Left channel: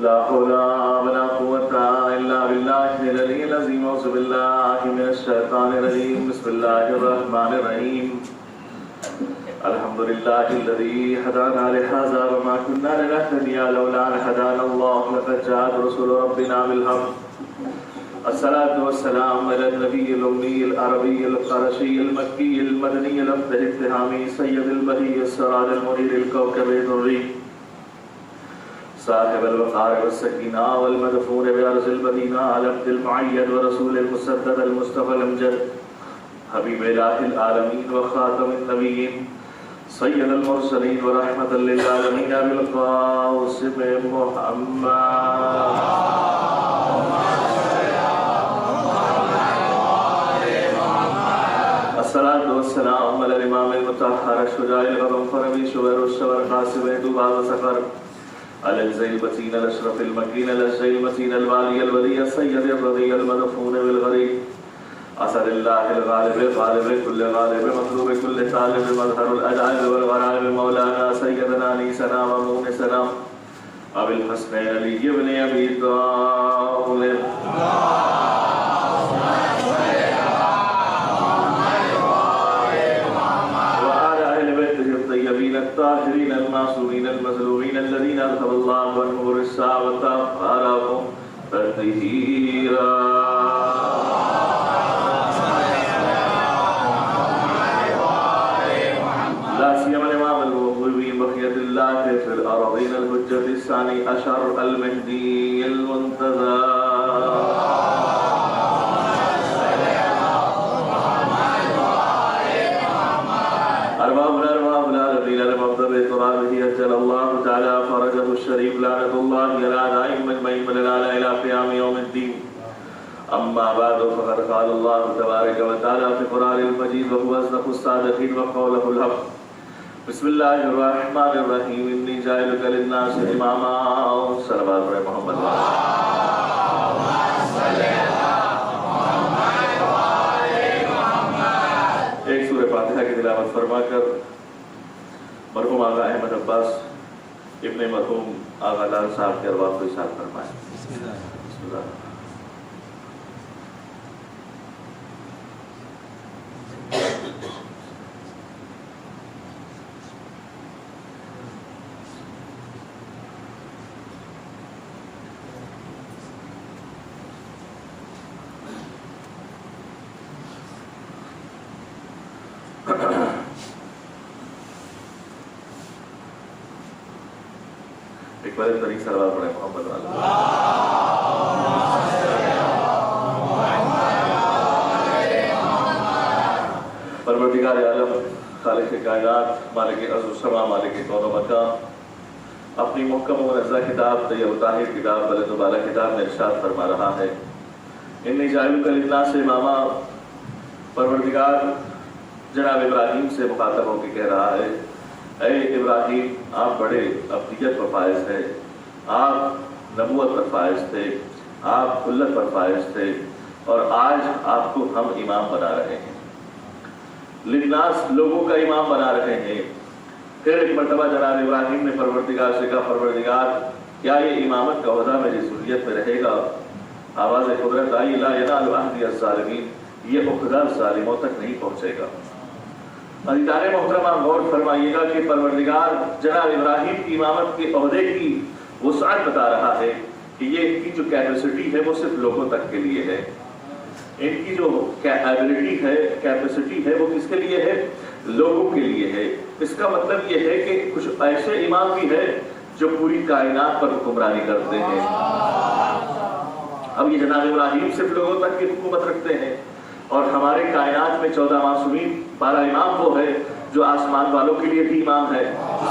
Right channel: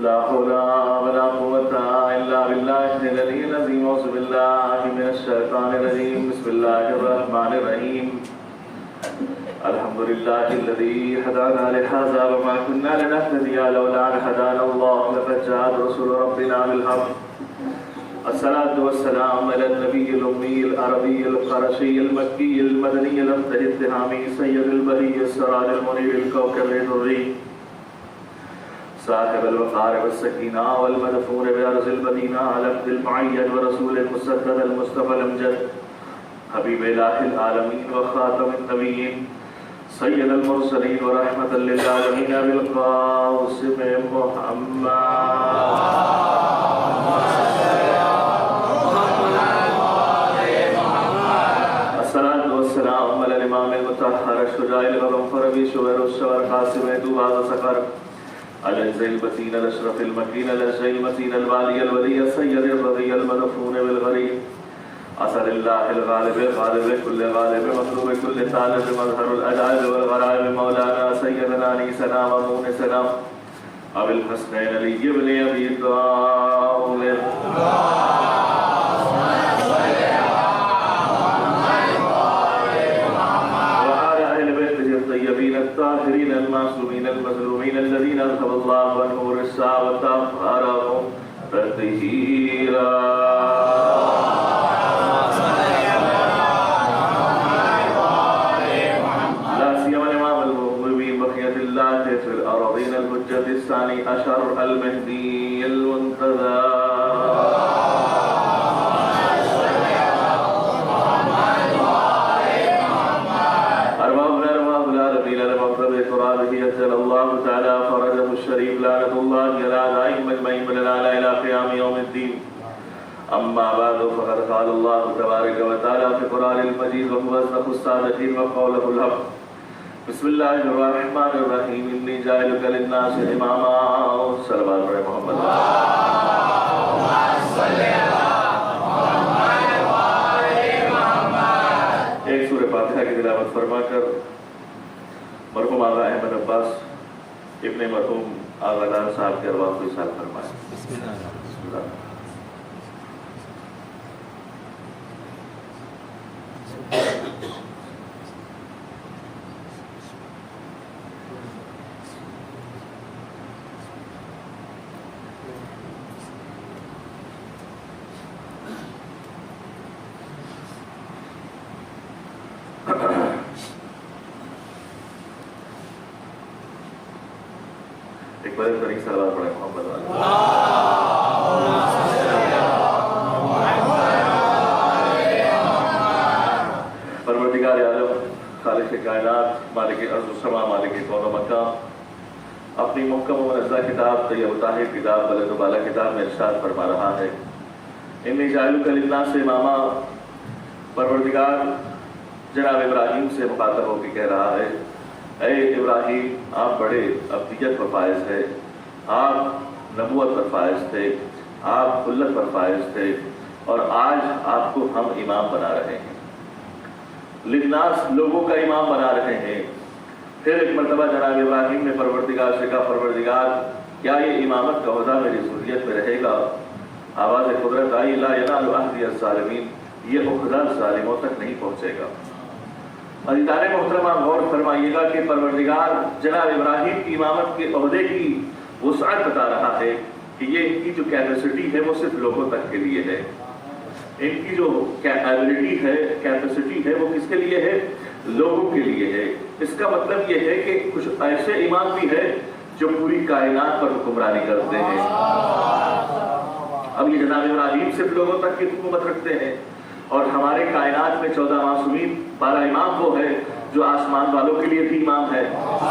لا حول ولا قوة إلا بالله العلي العظيم. أعوذ بالله من الشيطان الرجيم. بسم الله الرحمن الرحيم. الحمد لله الذي هدانا لهذا وما كنا لنهتدي لولا أن هدانا الله. لقد جاءت رسل ربنا بالحق. الصلاة والسلام على النبي الأمي العربي القرشي المكي المدني الابتهامي سيد البهي السراج المنير الكوكب الدري صاحب الوقار والسكينة والمدفون بأرض المدينة على عبد المعين ورسول المسدد المصطفى الأمجد حبيب إله العالمين وخاتم النبيين سيد المرسلين ورحمة للعالمين بالقاسم محمد. الصلاة والسلام على الإمام المطهر الشجاع الغضنفر أبي شوير الشغر قاسم دوبا وسفر على الزيبتين الأشرف المكين الزيمتين الوالي الولي السيد الرضي المدفون بالغريب أسأل الله الغالب غالب كل غالب مطلوب كل طالب مظهر الأجعال والغرائب مولانا سيدنا نيسنا ومونسنا أبي الحسنين علي بن أبي طالب الطيبين الطاهرين المعصومين المظلومين الذين أذهب الله عنهم الرجس وطهرهم تطهيرا. لا سيما الإمام المغربين بقية الله في الأراضين الحجة الثاني عشر المهدي المنتظر. أجل الله تعالى فرجه الشريف لعنة الله على أعدائهم أجمعين ولنا إلى قيام يوم الدين. أما بعد فقد قال الله تبارك وتعالى في القرآن المجيد وهو أصدق الصادقين وقوله الحق. بسم الله الرحمن الرحيم. إني جاعلك للناس إماما. صلوات علی محمد. ایک سورہ فاتحہ کی تلاوت فرما کر مرحوم آغا احمد عباس ابن مرحوم آغا دان صاحب کے ارواح کو اشارہ فرمائے. بسم اللہ. ایک بڑے طریق سے سلوات پڑھیں محمد پروردگار عالم خالق کائنات مالک ارض و سما مالک کون و مکان اپنی محکم و منزہ کتاب طیب و طاہر کتاب بلند و بالا کتاب میں ارشاد فرما رہا ہے. انی جاعلک للناس اماما. پروردگار جناب ابراہیم سے مخاطب ہو کے کہہ رہا ہے اے ابراہیم آپ بڑے ابدیت پر فائز تھے, آپ نبوت پر فائز تھے, آپ خلت پر فائز تھے اور آج آپ کو ہم امام بنا رہے ہیں, للناس لوگوں کا امام بنا رہے ہیں. پھر ایک مرتبہ جناب ابراہیم نے پروردگار سے کہا پروردگار کیا یہ امامت کا عہدہ میری ذریت میں رہے گا؟ آواز قدرت آئی لا ینال عہدی الظالمین. یہ عہدہ ظالموں تک نہیں پہنچے گا. عزیزان محترمہ غور فرمائیے گا کہ پروردگار جناب ابراہیم کی امامت کے عہدے کی وسعت بتا رہا ہے کہ یہ ان کی جو کیپیسٹی ہے وہ صرف لوگوں تک کے لیے ہے. ان کی جو ایبلٹی ہے کیپیسٹی ہے وہ کس کے لیے ہے؟ لوگوں کے لیے ہے. اس کا مطلب یہ ہے کہ کچھ ایسے امام بھی ہیں جو پوری کائنات پر حکمرانی کرتے ہیں. اب یہ جناب ابراہیم صرف لوگوں تک کی حکومت رکھتے ہیں اور ہماری کائنات میں 14 معصومین پارا امام وہ ہے جو آسمان والوں کے لیے بھی امام ہے,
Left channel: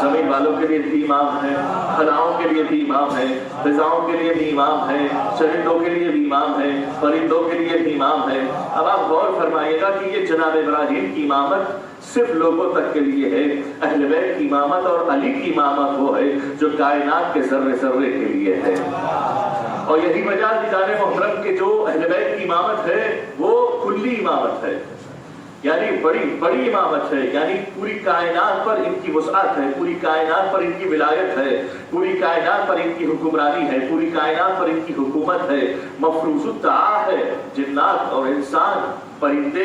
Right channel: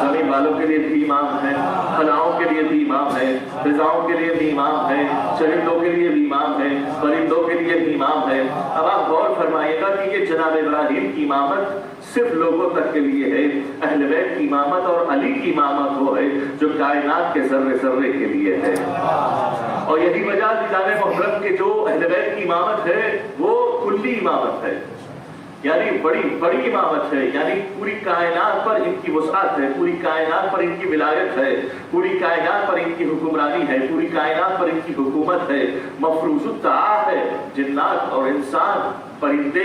زمین والوں کے لیے بھی امام ہے, خلاؤں کے لیے بھی امام ہے, فضاؤں کے لیے بھی امام ہے, چرندوں کے لیے بھی امام ہے, پرندوں کے لیے بھی امام ہے. اب آپ غور فرمائیے گا کہ یہ جناب ابراہیم کی امامت صرف لوگوں تک کے لیے ہے. اہل بیت کی امامت اور علی کی امامت وہ ہے جو کائنات کے ذرے ذرے کے لیے ہے. اور یہی وجہ جناب محترم کہ جو اہل بیت کی امامت ہے وہ کلی امامت ہے. یعنی بڑی بڑی امامت ہے، یعنی پوری کائنات پر ان کی وسعت ہے، پوری کائنات پر ان کی ولایت ہے، پوری کائنات پر ان کی حکمرانی ہے، پوری کائنات پر ان کی حکومت ہے، مفروض الطاعہ ہے۔ جنات اور انسان، پرندے،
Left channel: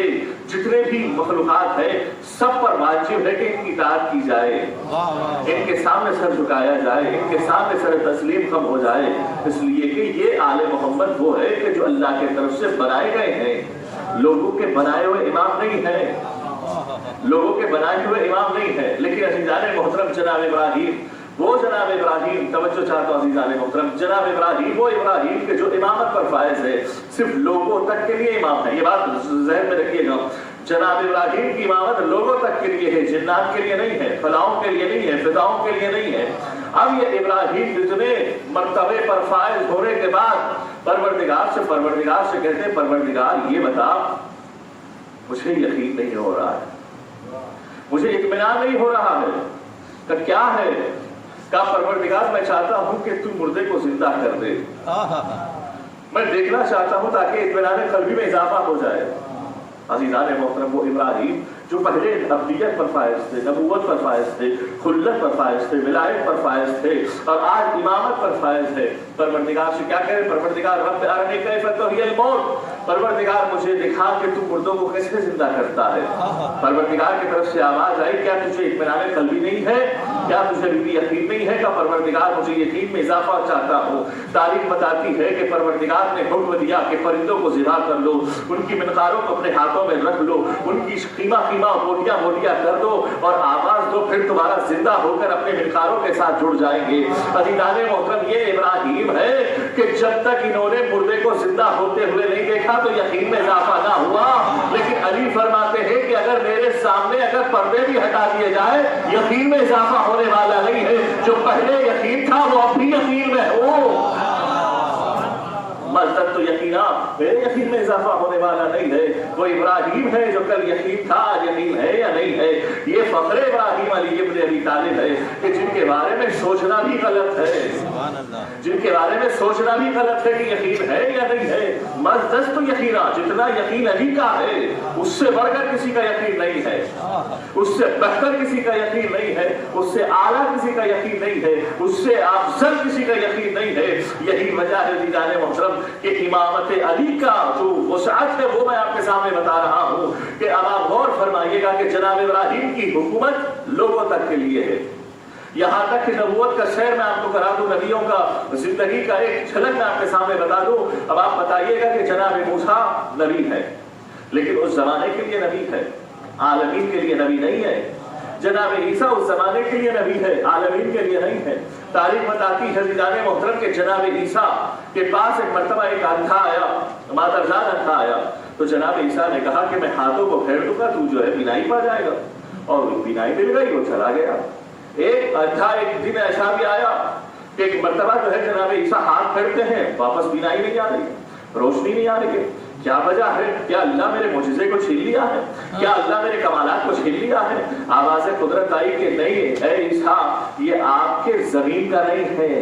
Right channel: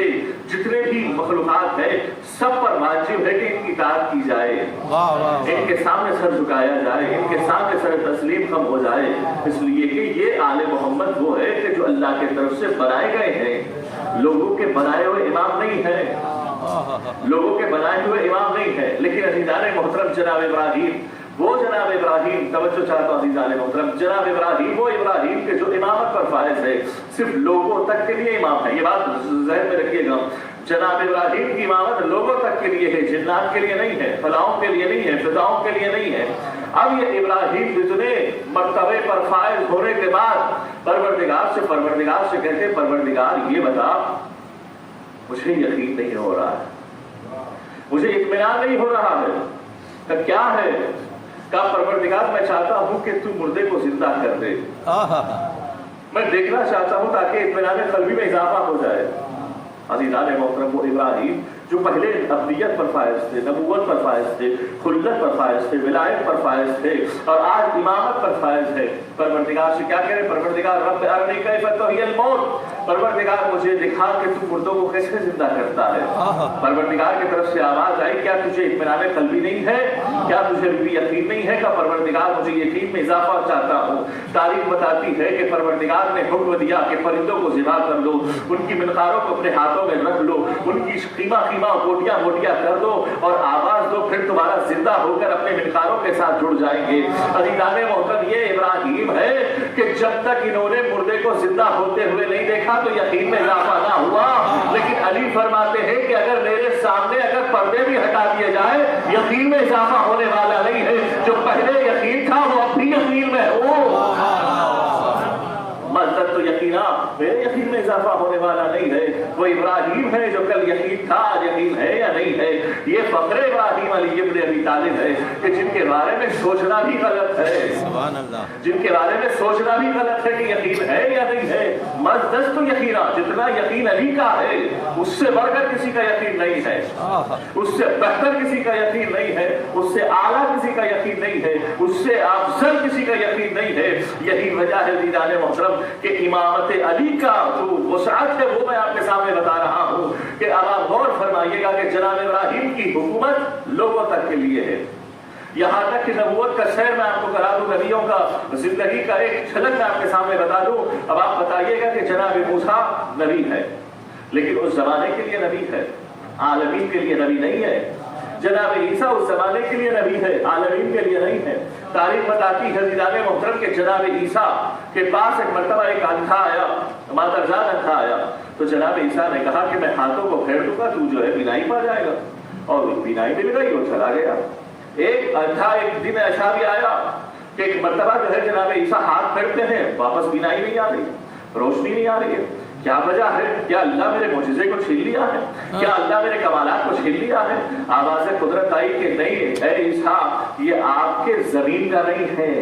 جتنے بھی مخلوقات ہیں، سب پر واجب ہے کہ ان کی اطاعت کی جائے، ان کے سامنے سر جھکایا جائے، ان کے سامنے سر تسلیم خم ہو جائے، اس لیے کہ یہ آل محمد وہ ہے کہ جو اللہ کی طرف سے بنائے گئے ہیں، لوگوں کے بنائے ہوئے امام نہیں ہیں، لوگوں کے بنائے ہوئے امام نہیں ہیں۔ لیکن عزیزان محترم، جناب ابراہیم، وہ جناب ابراہیم، توجہ چاہتا ہوں عزیزان محترم، جناب ابراہیم وہ ابراہیم کے جو امامت پر فائز ہے، صرف لوگوں تک کے لیے امام ہے۔ یہ بات ذہن میں رکھیے گا، جناب ابراہیم کی امامت لوگوں تک کے لیے ہے، جنات کے لیے نہیں ہے، فلاؤں کے لیے نہیں ہے، فداؤں کے لیے نہیں ہے۔ اب یہ ابراہیم جتنے مرتبے پر فائز ہونے کے بعد پروردگار سے کہتے ہیں، پروردگار یہ بتا، مجھے یقین نہیں ہو رہا ہے، مجھے اطمینان نہیں ہو رہا ہے، کہ کیا ہے؟ کہا پروردگار میں چاہتا ہوں کہ تو مردے کو زندہ کر دے، میں دیکھنا چاہتا ہوں تاکہ اطمینان قلبی میں اضافہ ہو جائے۔ عزیزان محترم، وہ ابراہیم جو پہلے ابدیت پر فائز تھے، نبوت پر فائز تھے، خلت پر فائز تھے، ولایت پر فائز تھے، اور آج امامت پر فائز ہے، پروردگار سے کیا کہے؟ پروردگار رب ارنی کیف تحیی الموت، پروردگار مجھے دکھا کہ تو مردوں کو کیسے زندہ کرتا ہے۔ پروردگار کی طرف سے آواز آئی، کیا تجھے اطمینان قلبی نہیں ہے؟ کیا تجھے بھی یقین نہیں ہے کہ پروردگار مجھے یقین میں اضافہ چاہتا ہوں؟ تاریخ بتاتی ہے کہ پروردگار نے حکم دیا کہ پرندوں کو ذبح کر لو، ان کی منقاروں کو اپنے ہاتھوں میں رکھ لو، ان کی خیمہ بوٹیاں بوٹیاں کر دو اور آواز دو، پھر تمہارا زندہ ہو کر اپنے منقاروں کے ساتھ جڑ جائیں گے۔ عزیزان محترم، یہ ابراہیم ہے کہ جب تک انہوں نے مردے کو زندہ ہوتے ہوئے نہیں دیکھا تو یقین میں اضافہ نہ ہوا، لیکن علی فرماتے ہیں کہ اگر میرے سامنے اگر پردے بھی ہٹا دیے جائے، یقین میں اضافہ ہونے والا نہیں ہے۔ جو پہلے یقین تھا وہ اب بھی یقین میں ہو، مزدد تو یقینا میرے یقین میں اضافہ ہونے والا نہیں ہے۔ وہ ابراہیم ہے جو کل یقین تھا، آج یقین ہے یا نہیں ہے۔ یہ فخر ابراہیم علی ابن ابی طالب ہے کہ جن کے بارے میں سوچنا بھی غلط ہے، سبحان اللہ، جن کے بارے میں سوچنا بھی غلط ہے کہ یقین ہے یا نہیں ہے۔ مزدد تو یقینا، جتنا یقین علی کا ہے اس سے بڑھ کر کسی کا یقین نہیں ہے، اس سے بہتر کسی کا یقین نہیں ہے، اس سے اعلیٰ کسی کا یقین نہیں ہے، اس سے افضل کسی کا یقین نہیں ہے۔ یہی وجہ ہے عزیزان محترم کہ امامت علی کا جو وسعت ہے وہ میں آپ کے سامنے بتا رہا ہوں کہ اب آپ غور فرمائیے گا کہ جناب ابراہیم کی حکومت لوگوں تک کے لیے ہے، یہاں تک کہ نبوت کا سیر میں آپ کو کرا دوں، نبیوں کا زندگی کا ایک جھلک میں آپ کے سامنے بتا دوں۔ اب آپ بتائیے گا کہ جناب موسیٰ نبی ہے، لیکن اس زمانے کے لیے نبی ہے، عالمین کے لیے نبی نہیں ہے۔ جناب عیسیٰ اس زمانے کے لیے نبی ہے، عالمین کے لیے نہیں ہے۔ تاریخ بتاتی ہے عزیزان محترم کہ جناب عیسیٰ کے پاس ایک مرتبہ ایک اندھا آیا، مادرزاد اندھا آیا، تو جناب عیسیٰ نے کہا کہ میں ہاتھوں کو پھیر دوں گا، تو جو ہے بینائی پا جائے گا، اور بینائی مل گئی، وہ چلا گیا۔ ایک اندھا ایک دن ایسا بھی آیا کہ ایک مرتبہ جو ہے جناب عیسیٰ ہاتھ پھیرتے ہیں، واپس بینائی نہیں آ رہی، روشنی نہیں آ رہی ہے۔ کیا وجہ ہے؟ کیا اللہ میرے معجزے کو چھین لیا ہے؟ کیا اللہ میرے کمالات کو چھین لیا ہے؟ آواز قدرت آئی کہ نہیں اے عیسیٰ، یہ آپ کے زمین کا نہیں ہے،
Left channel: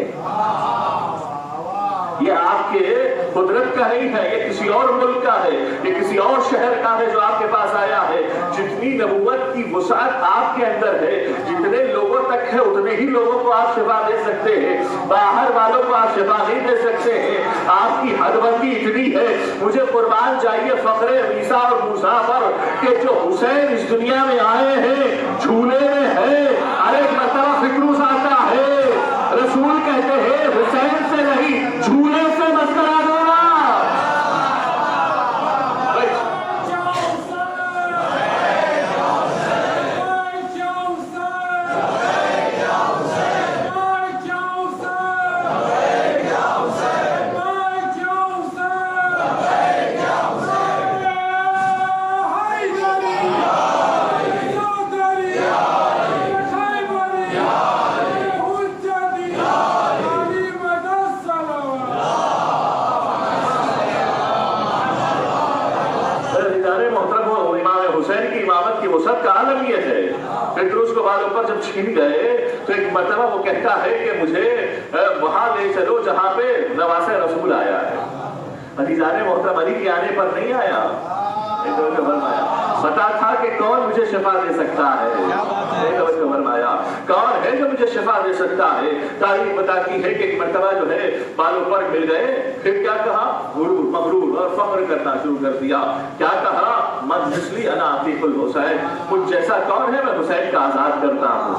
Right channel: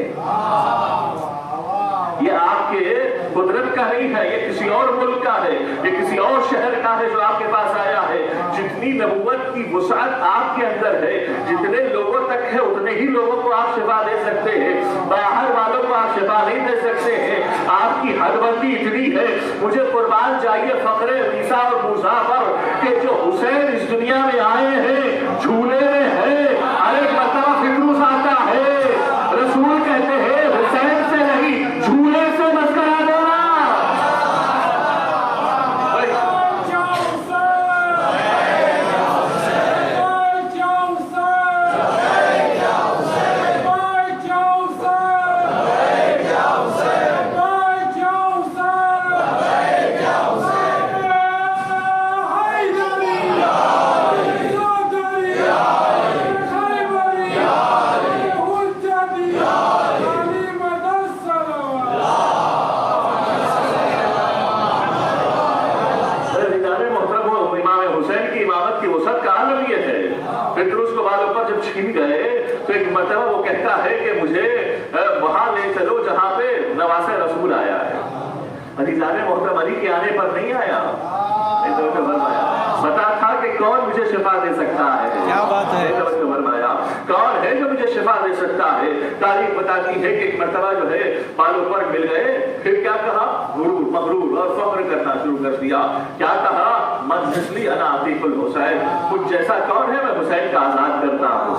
یہ آپ کے قدرت کا نہیں ہے، یہ کسی اور ملک کا ہے، یہ کسی اور شہر کا ہے جو آپ کے پاس آیا ہے۔ جتنی نبوت کی وسعت آپ کے اندر ہے، جتنے لوگوں تک ہے اتنے ہی لوگوں کو آپ شفا دے سکتے ہیں، باہر والوں کو آپ شفا نہیں دے سکتے ہیں۔ آپ کی حد بندی اتنی ہے، مجھے قربان جائیے فخر عیسیٰ اور موسیٰ پر کہ جو حسین اس دنیا میں آئے ہیں جھولے میں ہے۔ ارے مرتبہ فکروس آتا ہے، رسول کہتے ہیں حسین سے نہیں جھولے سے مسکرا دو نا۔ جب چھین گئے تو ایک مرتبہ وہ کہتا ہے کہ مجھے وہاں لے چلو جہاں پہ نواسہ رسول آیا ہے۔ عزیزان محترم، علی کے آنے پر نہیں آیا، پتا تھا کہ کون مجھے شفا دے سکتا ہے. فرمایا کون ہے جو مجھے شفا دے سکتا ہے. تاریخ بتاتی ہے کہ ایک مرتبہ جو ہے بالوں پر مل گئے, پھر کیا کہا, غرور مغرور اور فخر کرنا شروع کر دیا. کیا کہا, من مثلی انا عتیق الحسین, مجھ جیسا کون ہے, میں حسین کا آزاد کرتا ہوں.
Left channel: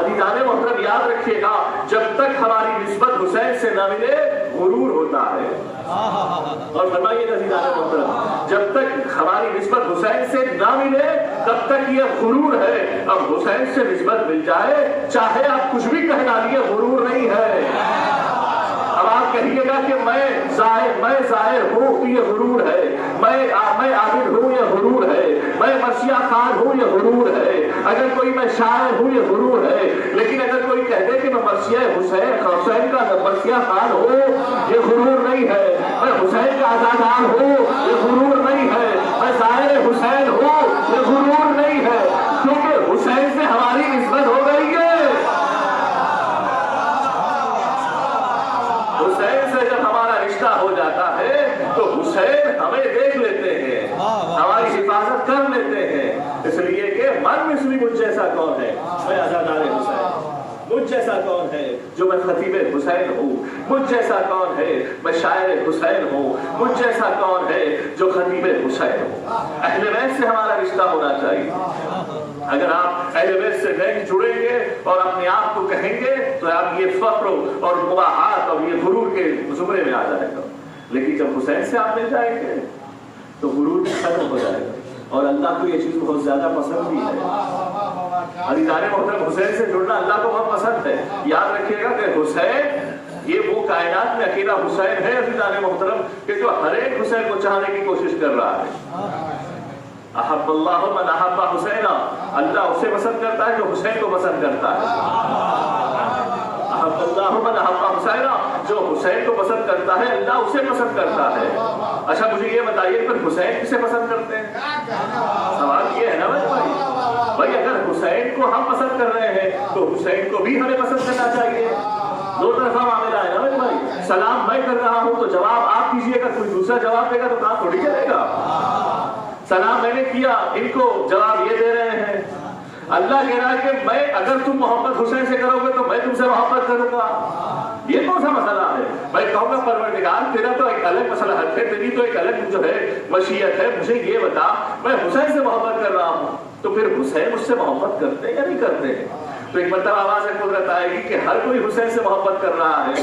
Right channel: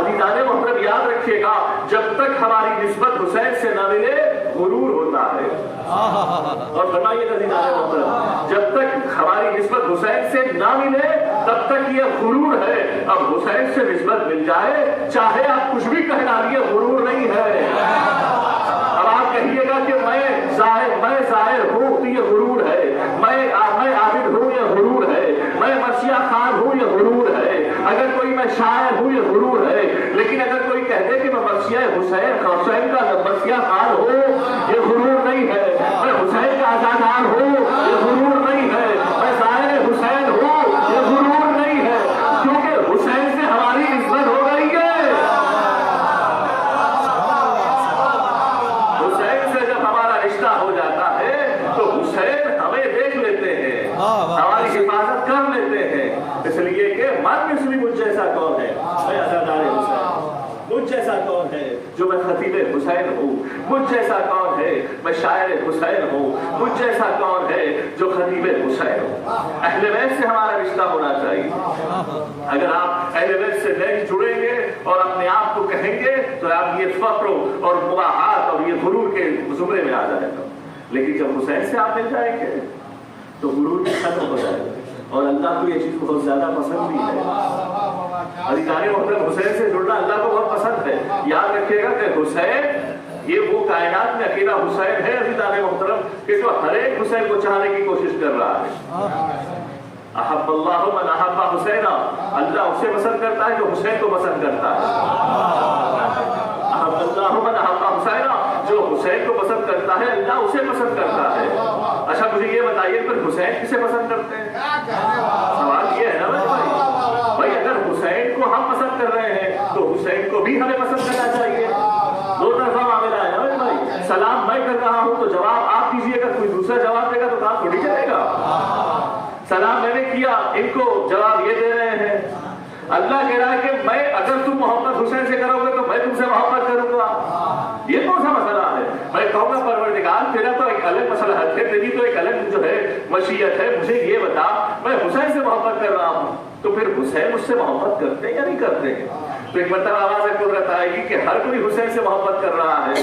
عزیزان محترم یاد رکھیے گا, جب تک ہماری نسبت حسین سے نہ ملے غرور ہوتا ہے. اور فرمائیے عزیزان محترم, جب تک ہماری نسبت حسین سے نہ ملے تب تک یہ غرور ہے. اب حسین سے نسبت مل جائے, چاہے آپ کچھ بھی کہہ ڈالیے, غرور نہیں ہے. اب آپ کہیے گا کہ میں ظاہر ہوں تو یہ غرور ہے, میں عابد ہوں یہ غرور ہے, میں مرثیہ خان ہوں یہ غرور ہے, اگر کوئی میں شاعر ہوں یہ غرور ہے. لیکن اگر کوئی کہہ دے کہ میں مرثیہ حسین کا مرثیہ خان ہوں, یہ غرور نہیں ہے. میں حسین کا آزادار ہوں, یہ غرور نہیں ہے. میں ظاہر حسین ہوں, یہ غرور نہیں ہے, کیونکہ حسین سے ہماری نسبت ہو گئی ہے. حسین سے جب ہمارا رشتہ ہو جاتا ہے تو حسین ہمیں دیکھ لیتے ہیں, ہماری حفاظت کر لیتے ہیں. اس لیے کہ من مثلی, مجھ جیسا کون ہے, میں عزادار حسین. مجھ جیسا کون ہے جو میں خطیب حسین ہوں, مجھ جیسا کون ہے میں شاعر حسین ہوں, مجھ جیسا کون ہے جو خطیب حسین ہوں. اہل بیت سے ہمارا رشتہ ہونا چاہیے. اگر آپ اہل بیت سے نہیں جڑیں گے اور اپنے آپ کو کہیں گے تو آپ یہ فخر اور مباحات اور یہ غرور کے زمرے میں آ جائے گا. لیکن جب حسین سے آپ مل جائیں گے تو غرور ختم ہو جائے گا, اور اللہ کو یہ چیز بہت زیادہ پسند بھی ہے. عزیزان محترم, حسین سے جڑنا اللہ کو بہت پسند ہے. یاد رکھیے گا کہ حسین یہ وہ کائنات میں اکیلا حسین ہے عزیزان محترم کہ جو ہر ایک حسین کو چاہنے کی کوشش کر رہا ہے. احب اللہ من احب حسین, اللہ اسے پسند کرتا ہے جو حسین کو پسند کرتا ہے. احب اللہ من احب حسین, جو حسین کو پسند کرتا ہے اللہ اسے پسند کرتا ہے. اچھا مجھے یہ بتائیے پھر حسین کسے پسند کرتے ہیں؟ سوال یہ ہے نا بھائی, اگر حسین کو ہم پسند کر رہے ہیں تو حسین کو بھی ہمیں پسند کرنا چاہیے. دو طرفہ معاملہ ہے نا بھائی. سلام میں کر رہا ہوں تو جواب آپ کیجئے گا, کوئی دوسرا جواب دے گا تو کام تھوڑی چلے گا. سلام میں نے کیا, ان کو جواب یہ دے رہے ہیں. اللہ کہہ رہا ہے کہ میں اگر تم محبت حسین سے کرو گے تو میں تم سے محبت کروں گا. یہ کون سا مسئلہ ہے؟ میں کہوں گا پروردگار تیرا تو ایک الگ مسئلہ ہے, تیری تو ایک الگ جو ہے مشیت ہے, مجھے یہ بتا میں حسین سے محبت کر رہا ہوں تو پھر حسین مجھ سے محبت کرتے ہیں یا نہیں کرتے ہیں؟ تو ایک مرتبہ آواز قدرت آئے گی کہ ہر کوئی حسین سے محبت کر رہا ہے.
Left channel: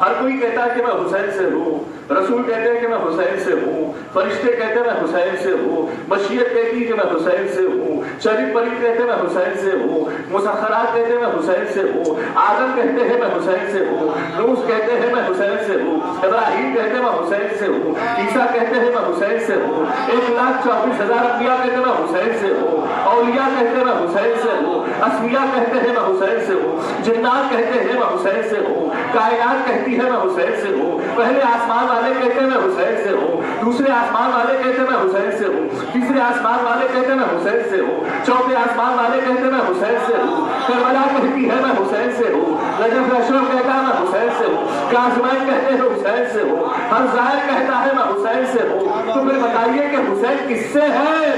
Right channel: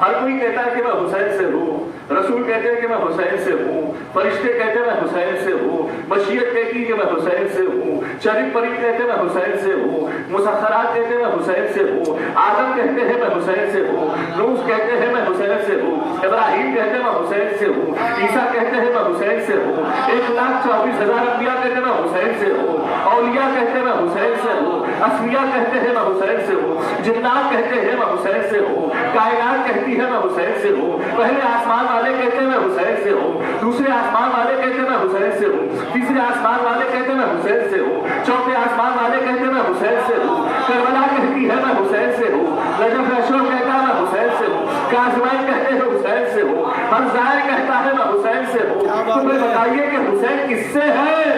ہر کوئی کہتا ہے کہ میں حسین سے ہوں, رسول کہتے ہیں کہ میں حسین سے ہوں, فرشتے کہتے ہیں میں حسین سے ہوں, مشیت کہتی ہے کہ میں حسین سے ہوں, شریف پریف کہتے ہیں میں حسین سے ہوں, مسخرات کہتے ہیں میں حسین سے ہوں, آدم کہتے ہیں میں حسین سے ہوں, نوح کہتے ہیں میں حسین سے ہوں, ابراہیم کہتے ہیں میں حسین سے ہوں, عیسیٰ کہتے ہیں میں حسین سے ہوں, 1,24,000 انبیاء کہتے ہیں میں حسین سے ہوں, اولیاء کہتے ہیں میں حسین سے ہوں, اسفیاء کہتے ہیں میں حسین سے ہوں, جنات کہتے ہیں میں حسین سے ہوں, کائنات کہتی ہے میں حسین سے ہوں. پہلے آسمان والے کہتے ہیں میں حسین سے ہوں, دوسرے آسمان والے کہتے ہیں میں حسین سے ہوں, تیسرے آسمان والے کہتے ہیں میں حسین سے ہوں, چوتھے آسمان والے کہتے ہیں میں حسین سے ہوں, کربلا کہتی ہے میں حسین سے ہوں, نجف اشرف کہتا ہے میں حسین سے ہوں, کاظمین کہتے ہیں حسین سے ہوں, ہر ظاہر کہتا ہے میں حسین سے ہوں. تو پھر بتائیے کہ حسین کس سے ہے؟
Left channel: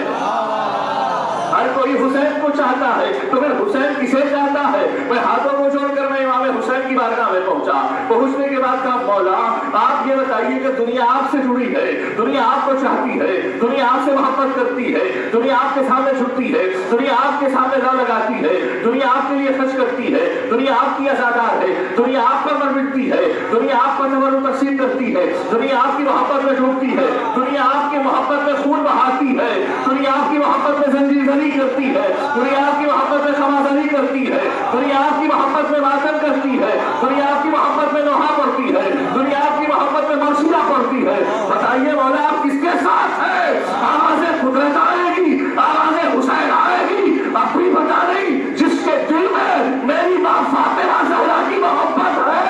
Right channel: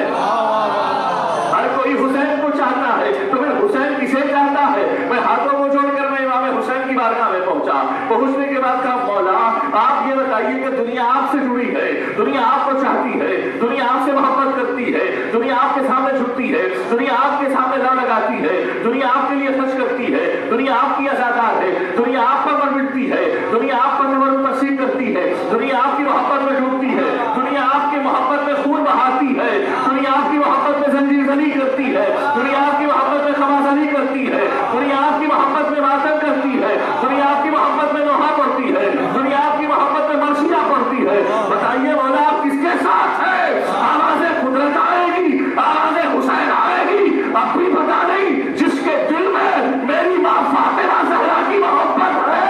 ہر کوئی حسین کو چاہتا ہے تو پھر حسین کسے چاہتا ہے؟ میں ہاتھوں کو جوڑ کر میں امام حسین کی بارگاہ میں پہنچا. پہنچنے کے بعد کہا مولا آپ یہ بتائیے کہ دنیا آپ سے جڑی ہے, دنیا آپ کو چاہتی ہے, دنیا آپ سے محبت کرتی ہے, دنیا آپ کے سامنے جھکتی ہے, دنیا آپ کے سامنے لو لگاتی ہے, دنیا آپ کے لیے خرچ کرتی ہے, دنیا آپ کی عزادار ہے, دنیا آپ پر مر مٹتی ہے, دنیا آپ پر تبرک تقسیم کرتی ہے, دنیا آپ کی محبت میں ڈوبتی ہے, دنیا آپ کی محبت میں خون بہاتی ہے, دنیا آپ کی محبت میں زنجیر زنی کرتی ہے, دنیا آپ کی محبت میں خمازنی کرتی ہے, دنیا آپ کی محبت میں ماتم کرتی ہے, دنیا آپ کی محبت میں نوحہ پڑتی ہے, دنیا آپ کی محبت میں مرثیہ پڑتی ہے. بتائیے مولا آپ کس کے ساتھ ہے؟ آواز قدرت آئے گی, آواز حسین آئے گی, اب بھی بتا نہیں جس کے دل میں میری ماں فاطمہ زہرا کی محبت ہے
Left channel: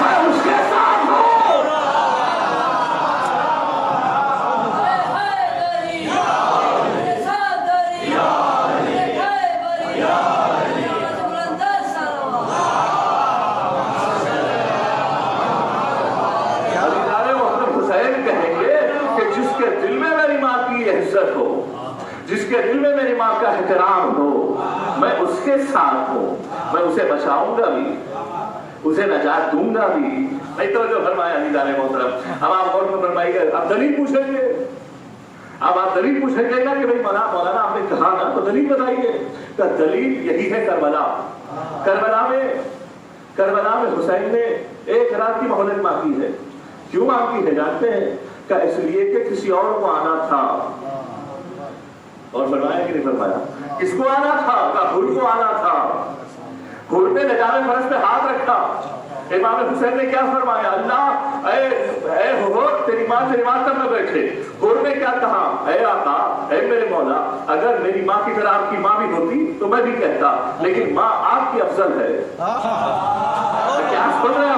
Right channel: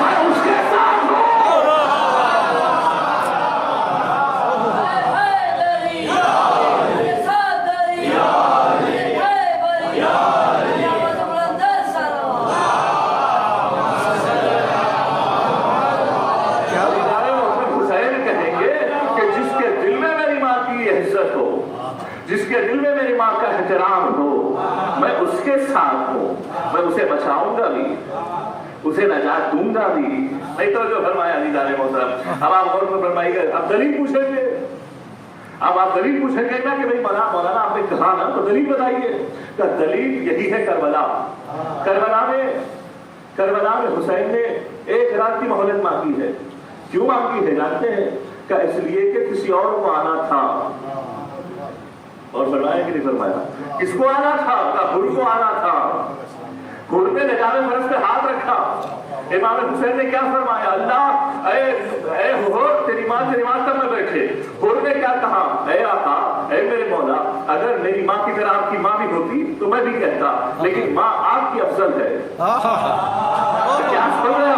میں اس کے ساتھ ہوں. جس کے دل میں میری ماں کا احترام ہو میں اس کے ساتھ ہوں، میں اسے بچاؤں گا بھی، اسے نجات دوں گا بھی۔ نہیں تو جو فرمایا عزیزان محترم، اب آپ غور فرمائیے گا، اب دلیل پوچھیں گے، اب آپ دلیل پوچھیں گے نا کہ بھائی مولانا آپ نے کہا نا، تو دلیل بتائیے۔ تو دلیل یہی ہے کربلا میں حسین نے ایک رات کی مہلت مانگی ہے۔ کیوں مانگی ہے جانتے ہیں؟ کہ اس لیے کہ کسی اور کو آنا تھا، اور فرمایا کہ نہیں فرمایا؟ کس کو آنا تھا؟ کہ حر کو آنا تھا۔ حر نے نجام فرض پہ ہاتھ رکھا، امام حسین نے کیا فرمایا؟ اللہ اے حر تیری ماں تیری ماں تک میں بیٹھے۔ حر نے کیا کہا؟ اے آقا اے میرے مولا، اگر میری ماں کی طرح آپ کی ماں بھی ہوتی تو میں بھی کہتا، لیکن ماں آپ کی افضل ہے۔ کیا سن رہے ہیں؟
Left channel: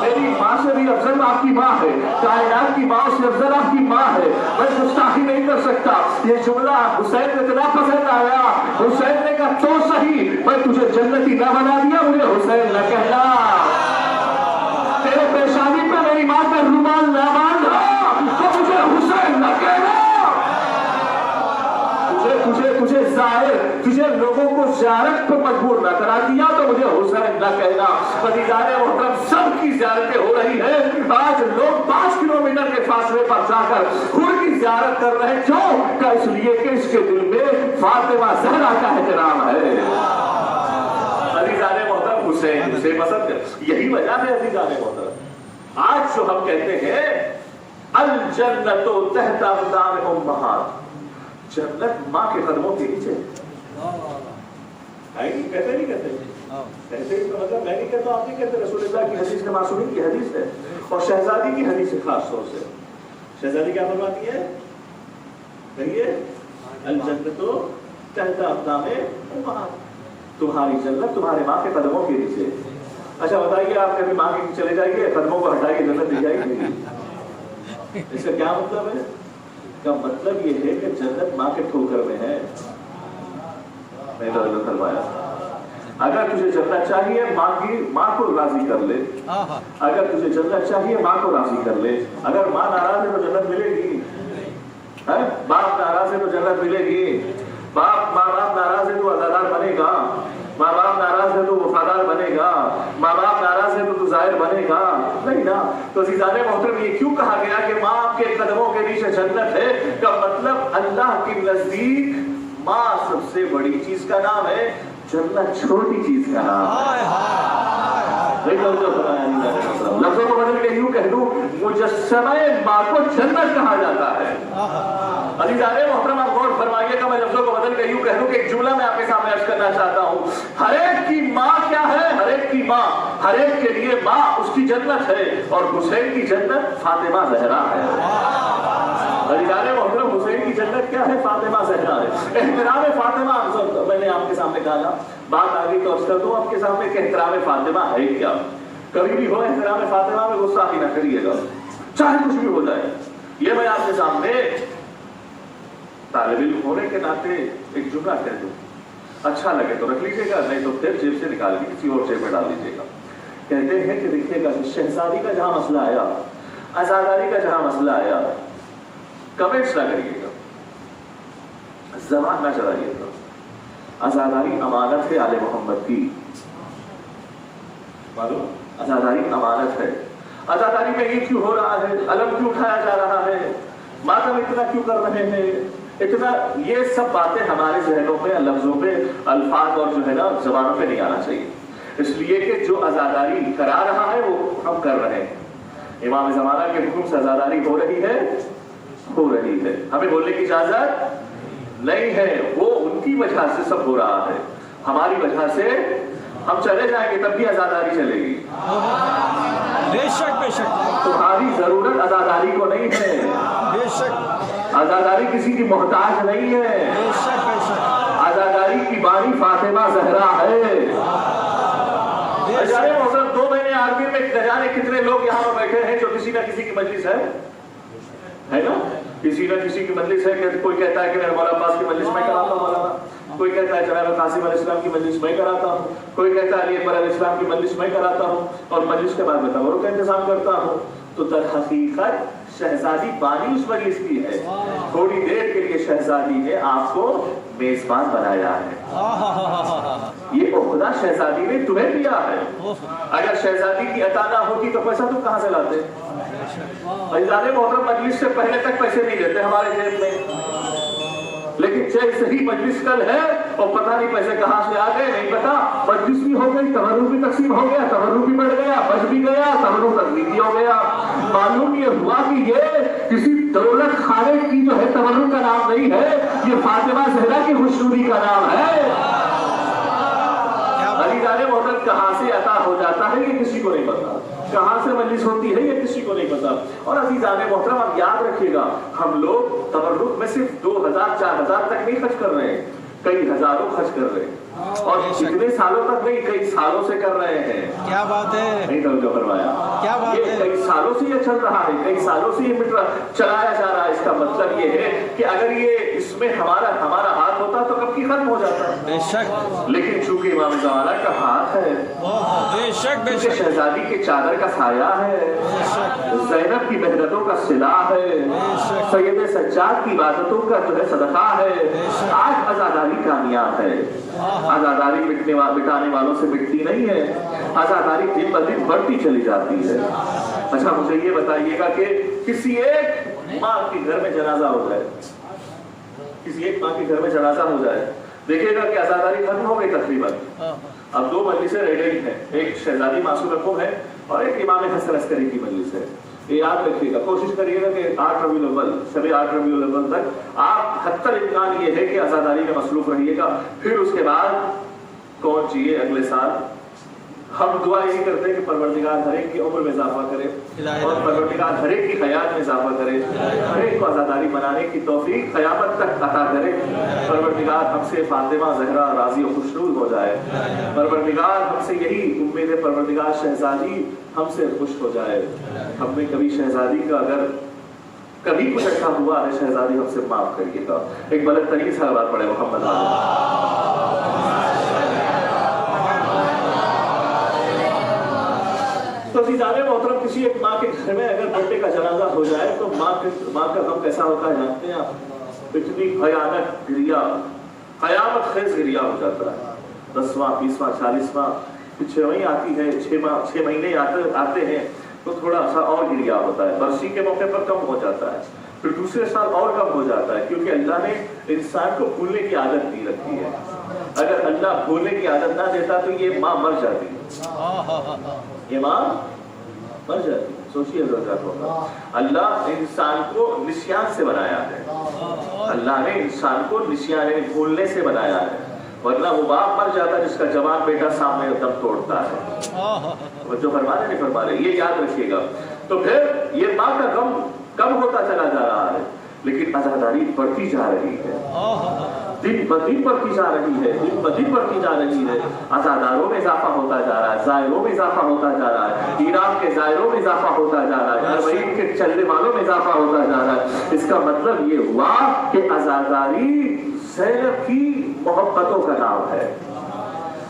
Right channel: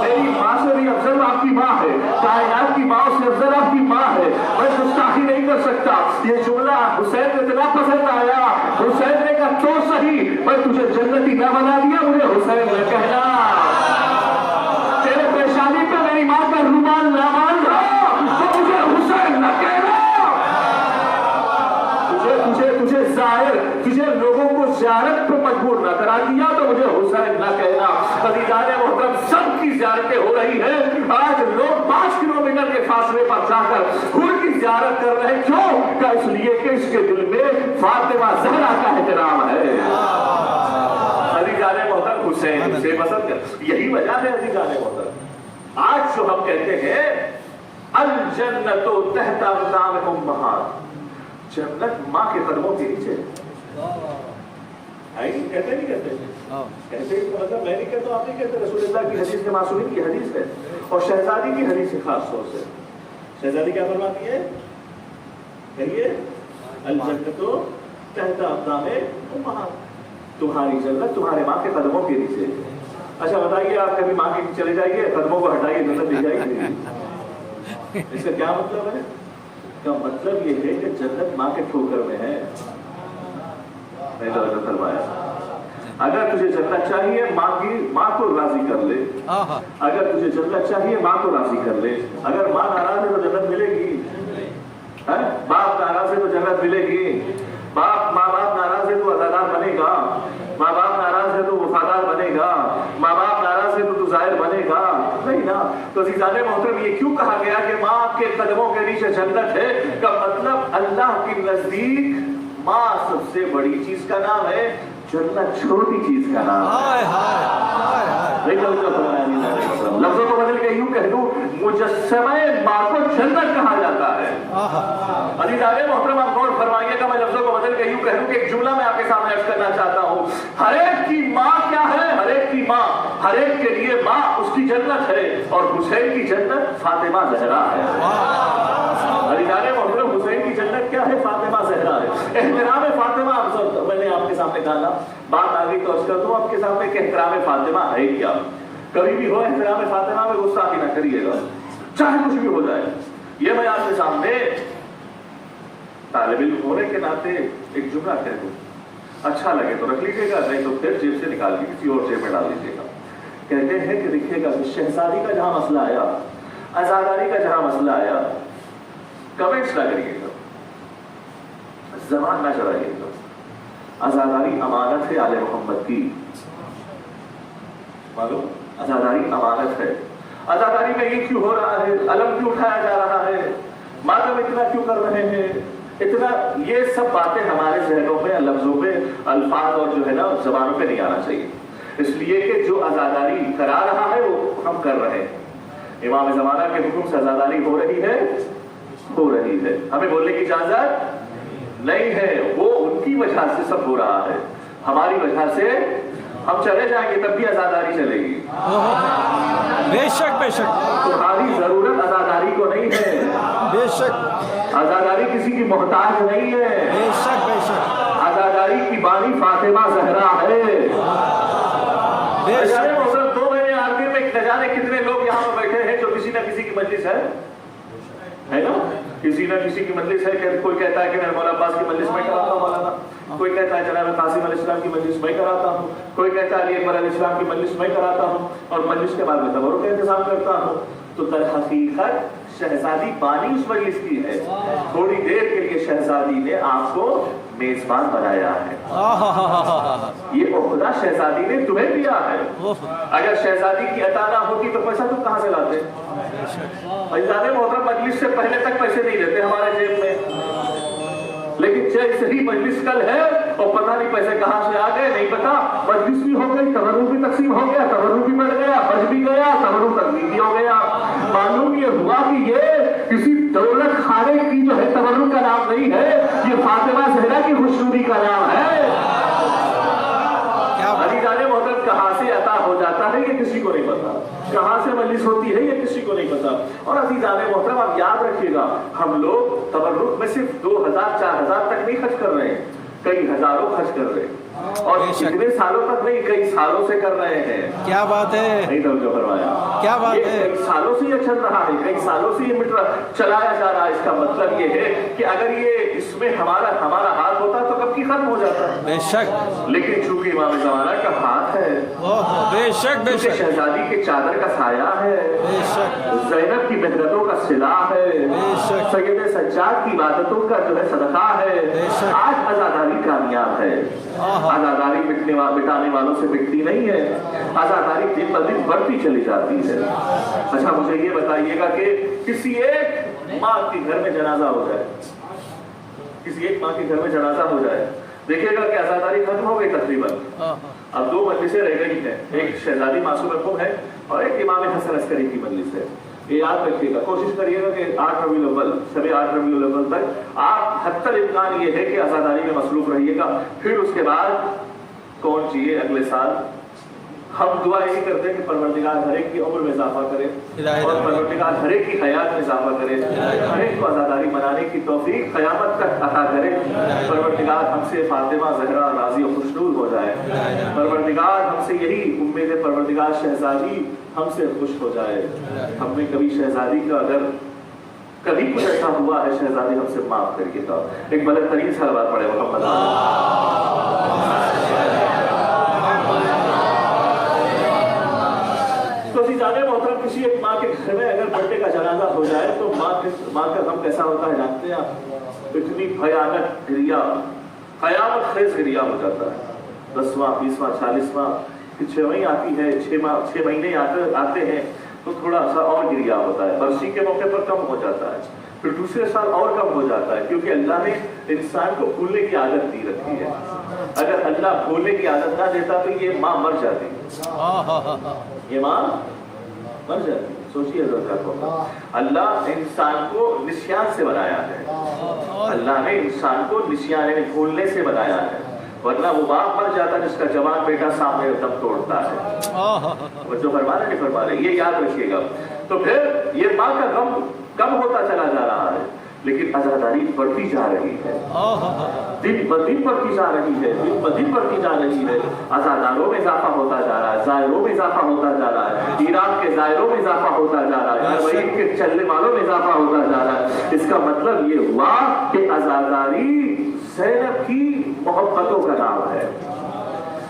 میری ماں سے بھی افضل آپ کی ماں ہے، کائنات کی ماں سے افضل آپ کی ماں ہے، میں گستاخی نہیں کر سکتا۔ یہ جملہ حسین کو اتنا پسند آیا، حسین نے کہا تو صحیح، میں تجھے جنتی نہ بنا دیا، مجھے حسین نہ کہنا۔ تیرے پیشانی پہ میری ماں کا رومال نہ باندھا تو مجھے حسین نہ کہنا۔ تجھے ظاہر، تجھے لوگوں کو زیارت پہ مجبور نہ کرا دیا تو مجھے حسین نہ کہنا۔ عزیزان محترم، سب کی زیارتیں ہو رہی ہیں، آج لوگ 5 کلومیٹر کے فاصلے پر جا کر حر کی زیارت کر رہے ہیں۔ کیوں؟ کہ اس لیے کہ اس کے دل میں فاطمہ زہرا کا احترام ہے۔ عزیزان محترم، حسین سے پسند ہے، یہی وجہ ہے عزیزان محترم۔ آج جو ہم کہتے ہیں الجنت تحت اقدام امہات، جنت ماں کے قدموں کے نیچے کہتے نہیں کہتے؟ کہتے اس کا مطلب میں نہیں کہتا، آپ نہیں کہتے، رسول اللہ کی حدیث کے معصومین کی حدیث ہے، اور شہزادی کی حدیث ہے خاص طور سے۔ شہزادی کیا فرماتی ہے؟ کہیے الجنت تحت اقدام امہات، تمہاری جنت تمہارے ماں کے قدموں کے نیچے۔ اچھا بتائیے، آپ کبھی ماں کے نیچے چلے جائیے، قدموں کو ہٹائیے، جنت دی جائے گی؟ اس کا کیا مطلب ہے؟ کا مطلب یہ ہے کہ جنت ماں کے ٹھوکر میں ہے۔ فرمایا اگر تجھے جنت چاہیے ماں کو راضی کر لے، اگر تجھے جنت چاہیے ماں کو راضی کر لے۔ اگر ماں ناراض ہے تو جنت ملے گی؟ باپ ناراض ہے تو جنت ملے گی؟ ماں باپ ناراض ہے تو عزادار بنے گا، ماں باپ ناراض ہے تو وفادار بنے گا، ماں باپ ناراض ہے تو ظاہر بنے گا؟ نہیں نا۔ تو عزیزان محترم، یہ کیوں کہا گیا کہ ماں آپ کے قدموں کے نیچے جنت ہے؟ کا مطلب اللہ کے نزدیک ماں سب سے بڑی چیز کا نام ہے، جنت چھوٹی چیز کا نام ہے۔ لفظوں کو بدل کے یوں کہہ دوں، مجسمہ ماں کو جنت کہا جاتا ہے۔ عزیزان محترم، آپ غور فرمائیے گا، میں لفظوں کو بدل کے یوں کہہ دوں کہ ایک جملہ میں آپ کے سامنے عرض کرنا چاہتا ہوں۔ ہر ایک کی ماں کیا ہے؟ ہر ایک کی ماں، ہر ایک کے لیے ماں اس کی جنت ہے، اور حسین کی جنت فاطمہ زہرا ہے۔ عزیزان محترم، حسین کی جنت کیا ہے؟ فاطمہ زہرا ہے۔ احترام فاطمہ، میں نے آپ کے سامنے کہا، بات آگے تو عرض کر دوں آپ کے سامنے کہ احترام فاطمہ ہے کیا۔ کبھی بھی ہو احترام فاطمہ میں غصہ ہی نہ کریے گا، چاہے کچھ بھی ہو جائے۔ یہ میں آپ کے سامنے طالب علم ہونے کے ناطے ایک جملہ کہہ دوں، اچھا لگے تو رکھ لیجیے گا، نہیں تو پھر جیب سے نکال کے کسی اور جیب میں ڈال دیجیے گا۔ کہتے ہیں کہ دیکھیے گا، شہزادی کا جہاں مسئلہ آیا، عزاداری کا جہاں مسئلہ آیا، کمنٹس نہ کریے گا، زبان نہ چلائیے گا۔ عزاداری امانت ہے آل محمد کی، معلوم؟ عزاداری امانت ہے۔ عزاداری میں یہ کیوں ہو رہا ہے؟ علم کیوں اٹھایا جا رہا ہے؟ ماتم اتنا کیوں کر رہے ہیں؟ اتنا یہ سب باتیں ہمارے ذہنوں میں، لفظوں پہ، الفاظ اور جو ہے نا زبانوں پہ نہیں آنا چاہیے، اس لیے کہ جو عزاداری کرا رہا ہے وہ ہم کر رہے ہیں۔ امام زمانہ کے حکم سے عزاداری ہو رہی ہے، ہو رہی ہے، ہمیں بولنے کی اجازت نہیں ہے، وہ ان کی وجہ سے سب ہو رہا ہے، ہماری وجہ سے ہم چلے جائیں گے تب بھی عزاداری چلے گی۔ بے شک بے شک، تمہاری ضرورت عزاداری کو نہیں ہے، بے شک، عزاداری کسی کی محتاج نہیں ہے، بے شک بے شک، عزاداری کی بانی فاطمہ زہرا ہے۔ جانے محترم، 2 مہینے آخر میں نہ جانے کتنے لوگ یہاں پر بیٹھے ہیں جو کسی نہ کسی کی مجلس ہے، ہے نا, کسی نہ کسی کی مجلس ہے کہ کوئی کہتا ہے کہ میں مولانا عباس کی مجلس میں کراتا ہوں مولانا, کوئی کہتا ہے جناب قاسم علیہ السلام کی مجلس میں کراتا ہوں, کوئی کہتا ہے علی اکبر علیہ السلام کی مجلس میں کراتا ہوں, اور مجلس کے بعد میں تبرک کا انتظام کرتا ہوں. تو در حقیقت شہزادی بانی اس مجلس کی ہے, تھوڑی دیر کے لیے شہزادی نے آپ کو میزبان بنایا ہے. یہ عہدہ شہزادی نے تمہیں دیا ہے. اگر شہزادی کی عطا نہ ہوتی تو پیسہ تم کہاں سے لاتے؟ عزیزان محترم, مجلس سے پہلے تک پیسے نہیں دیتے ہمارے جیب میں, لیکن جیسے ہی مجلس کل ہے اور پتہ نہیں پیسے کہاں سے آ گئے نہیں پتا, مجلس بھی ہو گئی, تبرک بھی تقسیم ہو گیا, تبرک بھی بڑھ گیا, بچ بھی گیا, تبرک تقسیم بھی ہو گیا. معلوم یہ ہوا کہ یہ کسی دولت خانے کی جو ہے تبرک کا نام نہیں ہے, یہ فاطمہ زہرا کی خوشنودی کا نام ہے. عزیزان محترم, کہاں سے عطا ہو جاتا ہے یہ کسی کو نہیں پتا, کہاں سے مجلس ہوتی ہے یہ کسی کو نہیں پتا. اور عزیزان محترم, آپ یاد رکھیے گا, ہم لوگ تبرک میں صرف 2000 4000 تک نہیں خرچ کر رہے ہیں, کئی ہزاروں خرچ کر رہے ہیں, اور کتنے سالوں تک نہیں, کئی سالوں سے کر رہے ہیں. کیا بات ہے, نہیں توجہ فرمایا, کیا بات ہے, کئی سالوں سے یہ چل رہا ہے, کئی سالوں سے یہ چلایا جا رہا ہے. اس کا مطلب یہ ہے کہ اگر یہ اس میں ہمارا ہاتھ ہوتا تو کب کی ختم ہو جاتا. بے شک, لیکن چونکہ امام زمانہ کا ہاتھ ہے, بے شک, بے شک, شہزادی کے چادر کا سایہ ہے, زینب کی محنتوں کا صلاح ہے, سید سجاد کی عبادتوں کا جو ہے صدقہ ہے, آج آزاداری کامیاب ہے. آزاداری مٹانے والوں سے مٹتی نہیں ہے, آزاداری دن بہ دن بڑھتی چلی جاتی ہے. اچھا مجھے یہ بتائیے گا کہ کسی ایک ماں کے گھر میں جنازہ ہو جائے, کسی ایک ماں کے گھر میں جنازہ ہو جائے, دیکھے گا کہ آزاداری ختم ہو گئی تقریباً. اب 2 مجلسیں رہ گئی ہیں, ایک شہزادی معصوم رقم ہے اور ایک امام حسن عسکری کی مجلس ہے. یہ یاد رکھیے گا, کوشش کریے گا کہ 8 ربیع الاول, شب 8 ربیع الاول تک آپ حتی الامکان یہ ہے کہ آزاداری میں مصروف رہیے گا. پھر اس کے بعد کون چاہیے اگلے سال ہم دعا یہی کرتے ہیں کہ پروردگار ہر ایک کی عمر میں اضافہ کرے, اور پروردگار ہر ایک کی حیات میں اضافہ کرے, ہر ایک کو آزاداری منانے کی توفیق قیامت تک عطا کرے. پروردگار ہم سے فاطمہ زہرا راضی و خوشنود ہو جائے. پروردگار ہم سے یہی امید ہے, پروردگار شہزادی ہم سے خوش ہو جائے. ہم نے کبھی شہزادی کا اگر کبھی کچھ ایسا ہوا ہے, شہزادی ہم سے معاف کریے گا. ایک بلند ترین صلوات پڑھے محمد تو عزیزان محترم, کسی ایک ماں کے گھر میں اگر بیٹے کا جنازہ ہو جائے تو ماں کا غم کیسا ہوتا ہے جانتے ہیں آپ؟ اتنی بھیانک گریا, قیامت خیز گریا ہو جاتا ہے. 10واں 20واں 40واں کہ 6ویں آتی ہے, 6 مہینے آتے ہیں تو تھوڑا سا اور گریا ہوتا ہے. برسی کے موقع پر کم ہو جاتا ہے, پھر دوسرے سال اور کم ہو جاتا ہے, کیونکہ اللہ نے انسان کو بھولنے کی عادت دی رکھی ہے. اگر اللہ بھولنے کی عادت نہ دیتا تو یہ ماں مر جاتی, یہ ماں مر جاتی. سوچیے ذرا, اللہ انسان کو نسیان سے بنایا ہے, اللہ نے انسان کو نسیان یعنی بھولنے سے بنایا ہے, ورنہ وہ باپ مر جاتا جس کا جوان بیٹا سامنے دم توڑتا ہے. جو فرمانے نہیں فرما رہے, یہ یاد رکھیے گا. تو پھر یہ ماں کا غم کم ہوتا چلا جا رہا ہے, لیکن آزاداری بڑھتی جا رہی ہے, دن بہ دن بڑھتی جا رہی ہے, دن بہ دن بڑھتی جا رہی ہے. آزاداروں میں اضافہ ہوتا جا رہا ہے, زائروں میں اضافہ ہوتا جا رہا ہے, ایران کے زائروں میں اضافہ ہوتا جا رہا ہے, حرمین کے چلنے والوں میں اضافہ ہوتا جا رہا ہے. اس کا مطلب یہ ہوا کہ آزاداری زینب کی محبتوں کا نام ہے,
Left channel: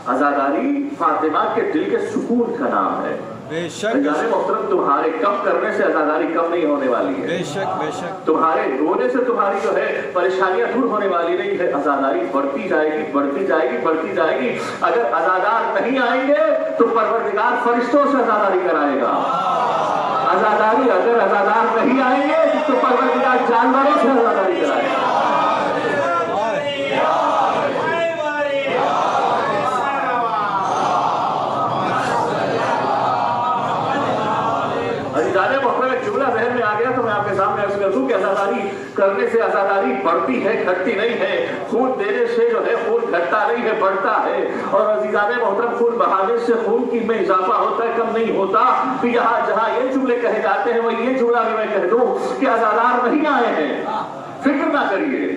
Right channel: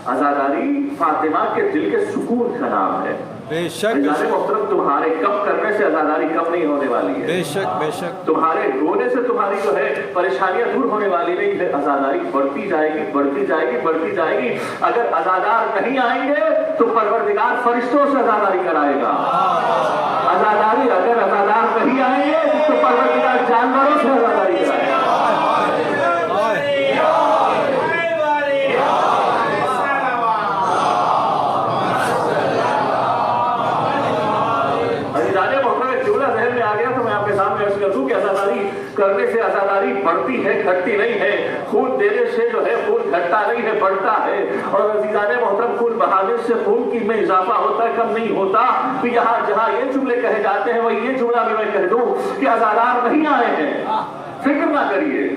آزاداری فاطمہ کے دل کے سکون کا نام ہے. بے شک, محترم, تمہارے کم کرنے سے آزاداری کم نہیں ہونے والی ہے. بے شک, بے شک, تمہارے رونے سے تمہاری جو ہے پریشانیاں دور ہونے والی نہیں ہے. آزاداری بڑھتی جائے گی, بڑھتی جائے گی, بڑھتی جائے گی. اگر آزادار نہیں آئیں گے تو پروردگار فرشتوں سے آزاداری کرائے گا. آزاداری اگر آزادار نہیں آئیں گے تو پروردگار جانوروں سے آزاداری کرائے گا. آزاداری کرنے سے آزاداری بڑھتی ہے, گھٹتی نہیں ہے. خون دینے سے جو ہے خون گھٹتا نہیں ہے, بڑھتا ہے. اور عزیزان محترم, خون بہانے سے خون کی میں اضافہ ہوتا ہے, کم نہیں ہوتا. تو یہاں جہاں یہ جملے کہے جاتے ہیں وہ یہ جملہ بھی میں کہہ دوں کہ آزادار نہیں آئے ہیں, فکر نہ کریے,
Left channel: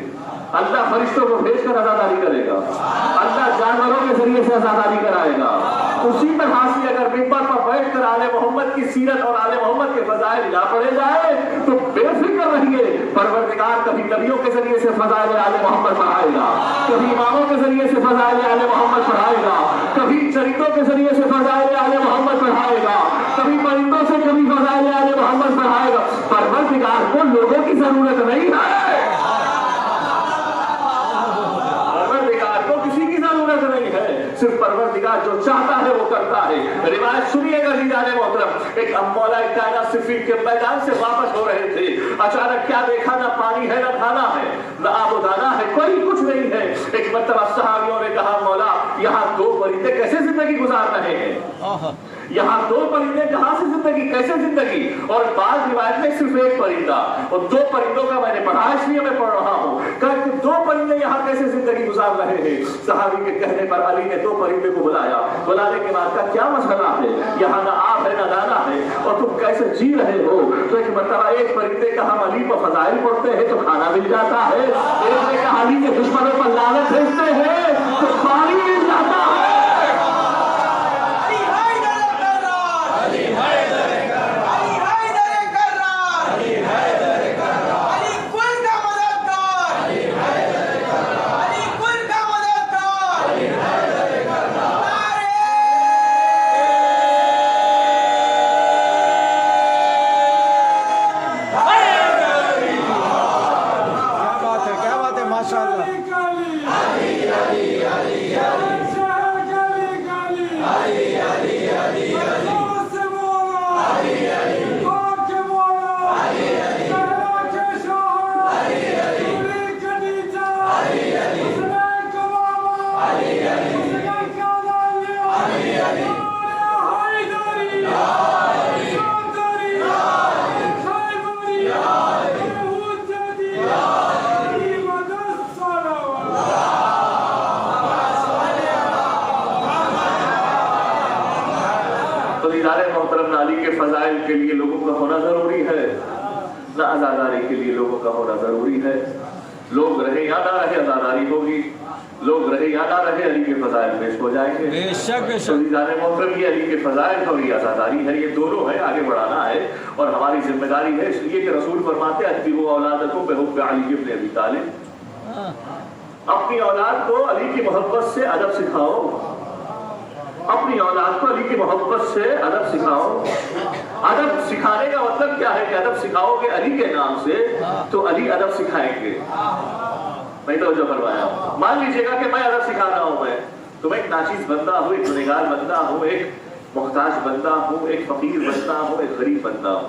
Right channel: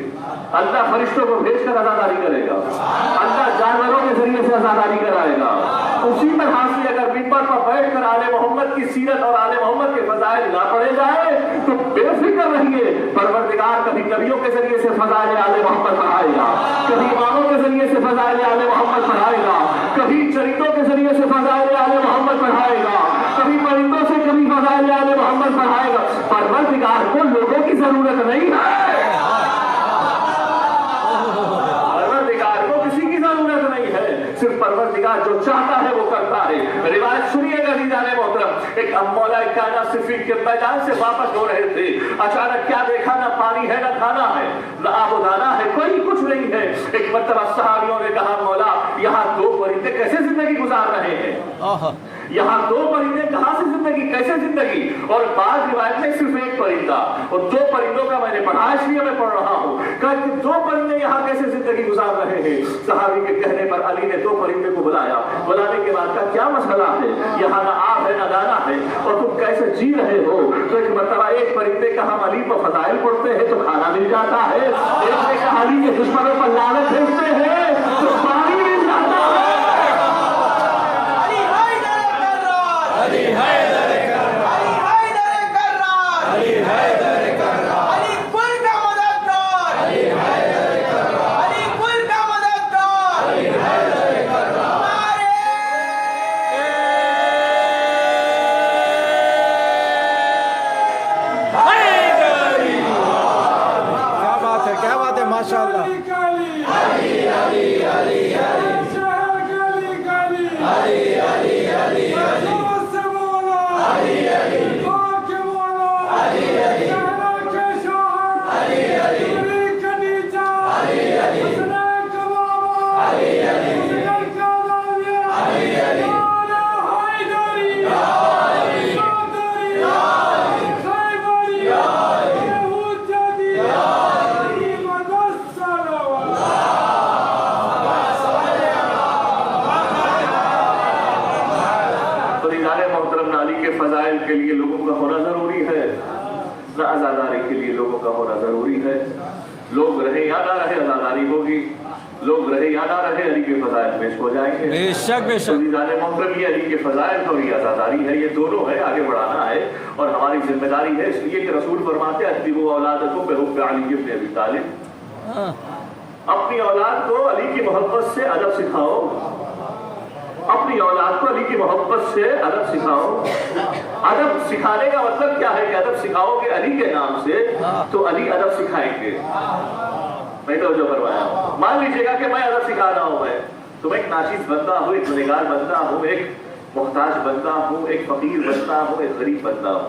اللہ فرشتوں کو بھیج کر آزاداری کرے گا, اللہ جانوروں کے ذریعے سے آزاداری کرائے گا. اسی طرح سے اگر منبر پر بیٹھ کر آل محمد کی سیرت اور آل محمد کے فضائل نہ پڑھے جائے تو بے فکر رہیے، پروردگار کبھی نبیوں کے ذریعے سے فضائل آل محمد پڑھائے گا، کبھی اماموں کے ذریعے سے فضائل آل محمد پڑھائے گا، کبھی چریتوں کے ذریعے سے فضائل آل محمد پڑھائے گا، کبھی پرندوں سے کبھی فضائل آل محمد پڑھائے گا۔ پروردگار کو لوگوں کی ضرورت نہیں ہے، پروردگار کو کسی کی ضرورت نہیں ہے، صرف پروردگار جو چاہتا ہے وہ کرتا ہے۔ روایت سنیے گا عزیزان محترم، ایک مولا کائنات صفین کے میدان سے واپس ہو رہے تھے، اچانک کیا دیکھا، نہ پانی ہے نہ کھانا ہے نہ آب و دانا ہے، کوئی کچھ نہیں ہے۔ ایک مرتبہ صحابیوں نے کہا مولا یہاں دو پرندے کیسے زندگی گزار رہے ہیں، یہاں دو پرندے کہاں سے زندگی، کیسے زندگی؟ اور بعض روایت میں صرف ایک پرندہ اور دو پرندوں کا میں نے پڑھا، اس لیے میں پڑھ رہا ہوں کہ دو پرندے یہاں کیسے زندگی گزار رہے ہیں۔ صحابی کے کہنے پر علی نے دو پرندے کو بلایا، بلانے کے بعد کا کیا مسئلہ ہے، یہاں نہ آب ہے نہ دانا ہے اور تم کیسے جی رہے ہو؟ تو ایک مرتبہ ایک پرندے کا ہم علی پر فضائل پڑھتے ہیں تو کھانا مل جاتا ہے، ایک نے کہا علی کے دشمنوں پر لعنت بھیجتے ہیں تو پانی مل جاتا ہے۔ کیا بات ہے ماشاءاللہ۔ فضائل کے لیے لوگوں کا ہونا ضروری ہے، نہ عزاداری کے لیے لوگوں کا ہونا ضروری ہے۔ لوگ رہے یا نہ رہے عزاداری ہوگی، لوگ رہے یا نہ رہے علی کے فضائل پیش ہو جائیں گے۔ بے شک بے شک۔ عزیزان محترم، یہ علی کے فضائل اور یہ عزاداری ہے، یہ دونوں ہے، آگے بڑھانا ہے اور ہماری ذمہ داری ہے، اس لیے کہ رسول فرماتے ہیں ادبوا اولادکم بحب علی بن ابی طالب، اپنی اولاد کو علی کی محبت سے ادب سکھاؤ، اپنی اولاد کو علی کی محبت سے ادب سکھاؤ۔ ادب سکھانے کا مطلب کیا ہے کہ ادب سکھاؤ گے علی کے نام سے تو علی ادب سکھائیں گے۔ نہیں تو جو فرمایا، مان لیجیے گا کہ میں ادب سکھا رہا ہوں، تو میں ایک ناچیز بندہ ہوں، ایک گنہگار بندہ ہوں، ایک محتاج بندہ ہوں، ایک فقیر بندہ ہوں، ایک غریب بندہ ہوں،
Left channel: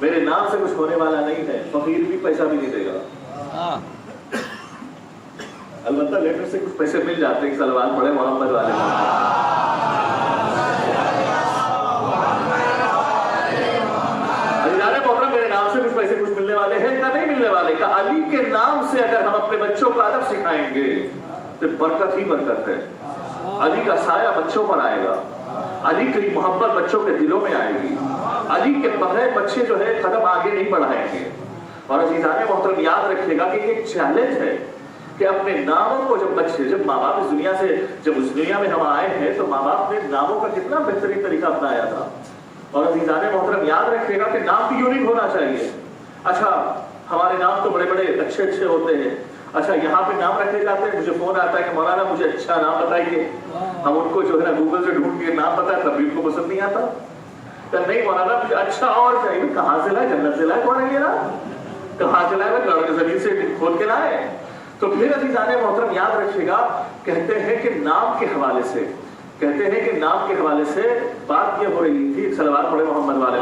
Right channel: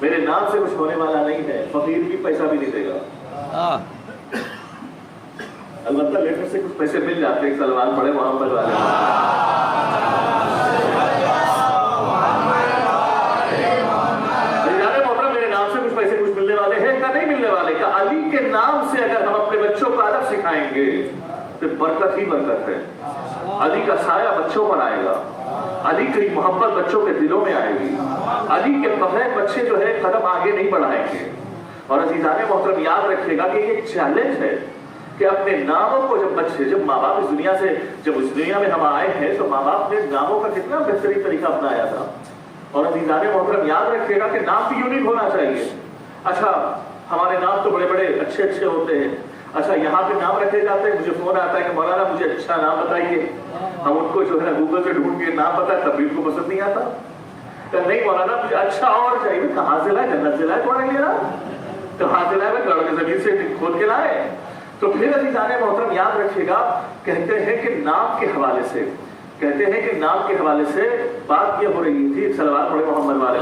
میرے نام سے کچھ ہونے والا نہیں ہے، فقیر بھی پیسہ بھی نہیں دے گا، البتہ لیٹر سے کچھ پیسے مل جاتے ہیں، سلوان پڑے محمد والے۔ میرے نام سے کچھ پیسے کچھ ملنے والے ہیں یا نہیں ملنے والے؟ کہ علی کے نام سے اگر ہم اپنے بچوں کو ادب سکھائیں گے تو برکت ہی برکت ہے، علی کا سایہ بچوں پر آئے گا، علی کی محبت بچوں کے دلوں میں آئے گی، علی کے بغیر بچے جو ہے قدم آگے نہیں بڑھائیں گے۔ اور عزیزان محترم یاد رکھیے گا کہ یہ ایک چیلنج ہے کہ اپنے ناموں کو جب بچے، جب ماں باپ اس دنیا سے، جب اس دنیا میں ہم آئے ہیں تو ماں باپ نے ناموں کا کتنا بہترین طریقہ اپنایا تھا۔ اور عزیزان محترم یاد رکھیے گا کہ نام بھی یونیک ہونا چاہیے۔ اچھا ہمارے نام تو بڑے بڑے اچھے اچھے ہوتے ہیں، اچھا یہاں پہ نام رکھے جاتے ہیں، مجھے فون آتا ہے کہ مولانا مجھے اچھا نام بتائیے، ہم ان کو جو ہے گوگل سے ڈھونڈ کے نام پتا کبھی ان کو پسند نہیں آتا، کہ نہیں مولانا مجھے اچھا اور چاہیے، کہاں سے لائے، جنت سے لائے، کون ہے یہ نام، کہاں سے لائے، گڑھ کے زمین سے کھول کے لائے۔ تو پھر عزیزان محترم یاد رکھیے گا، کہتے ہیں کہ نام کے حوالے سے، کہتے ہیں کہ نام کے حوالے سے بات یہ ہو رہی تھی، صلوات پڑھے محمد والے۔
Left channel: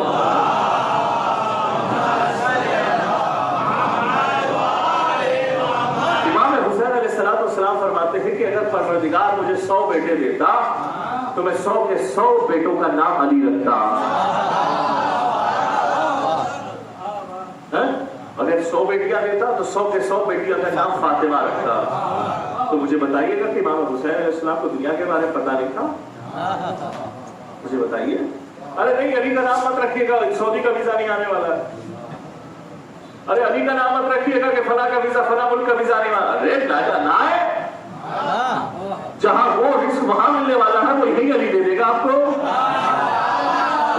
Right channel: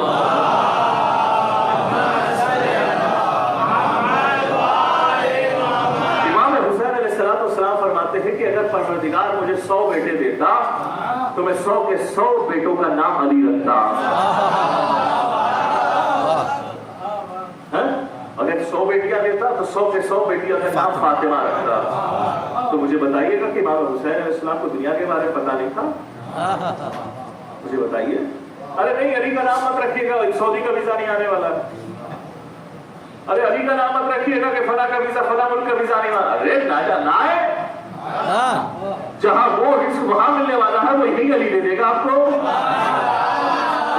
امام حسین علیہ السلام فرماتے ہیں کہ اگر پروردگار مجھے 100 بیٹے دیتا تو میں 100 کے 100 بیٹوں کا نام علی رکھتا۔ اگر 100 بیٹیاں دیتا تو 100 کے 100 بیٹیوں کا نام فاطمہ رکھتا۔ تو مجھے بتائیے گا کہ امام حسین علیہ السلام کو دنیا کے بارے میں پتہ نہیں تھا؟ مجھے بتائیے۔ ارے نہیں علی کا نام مت رکھیے گا، سعودی کا ویزا نہیں آنے والا ہے۔ ارے علی کا نام مت رکھیے گا کہ فلاں کا ویزا، فلاں ملک کا ویزا نہیں آنا۔ ارے نہ آئے، جہاں وہ رزق وہاں ملنے والا ہے وہی علی دے دے گا آپ کو۔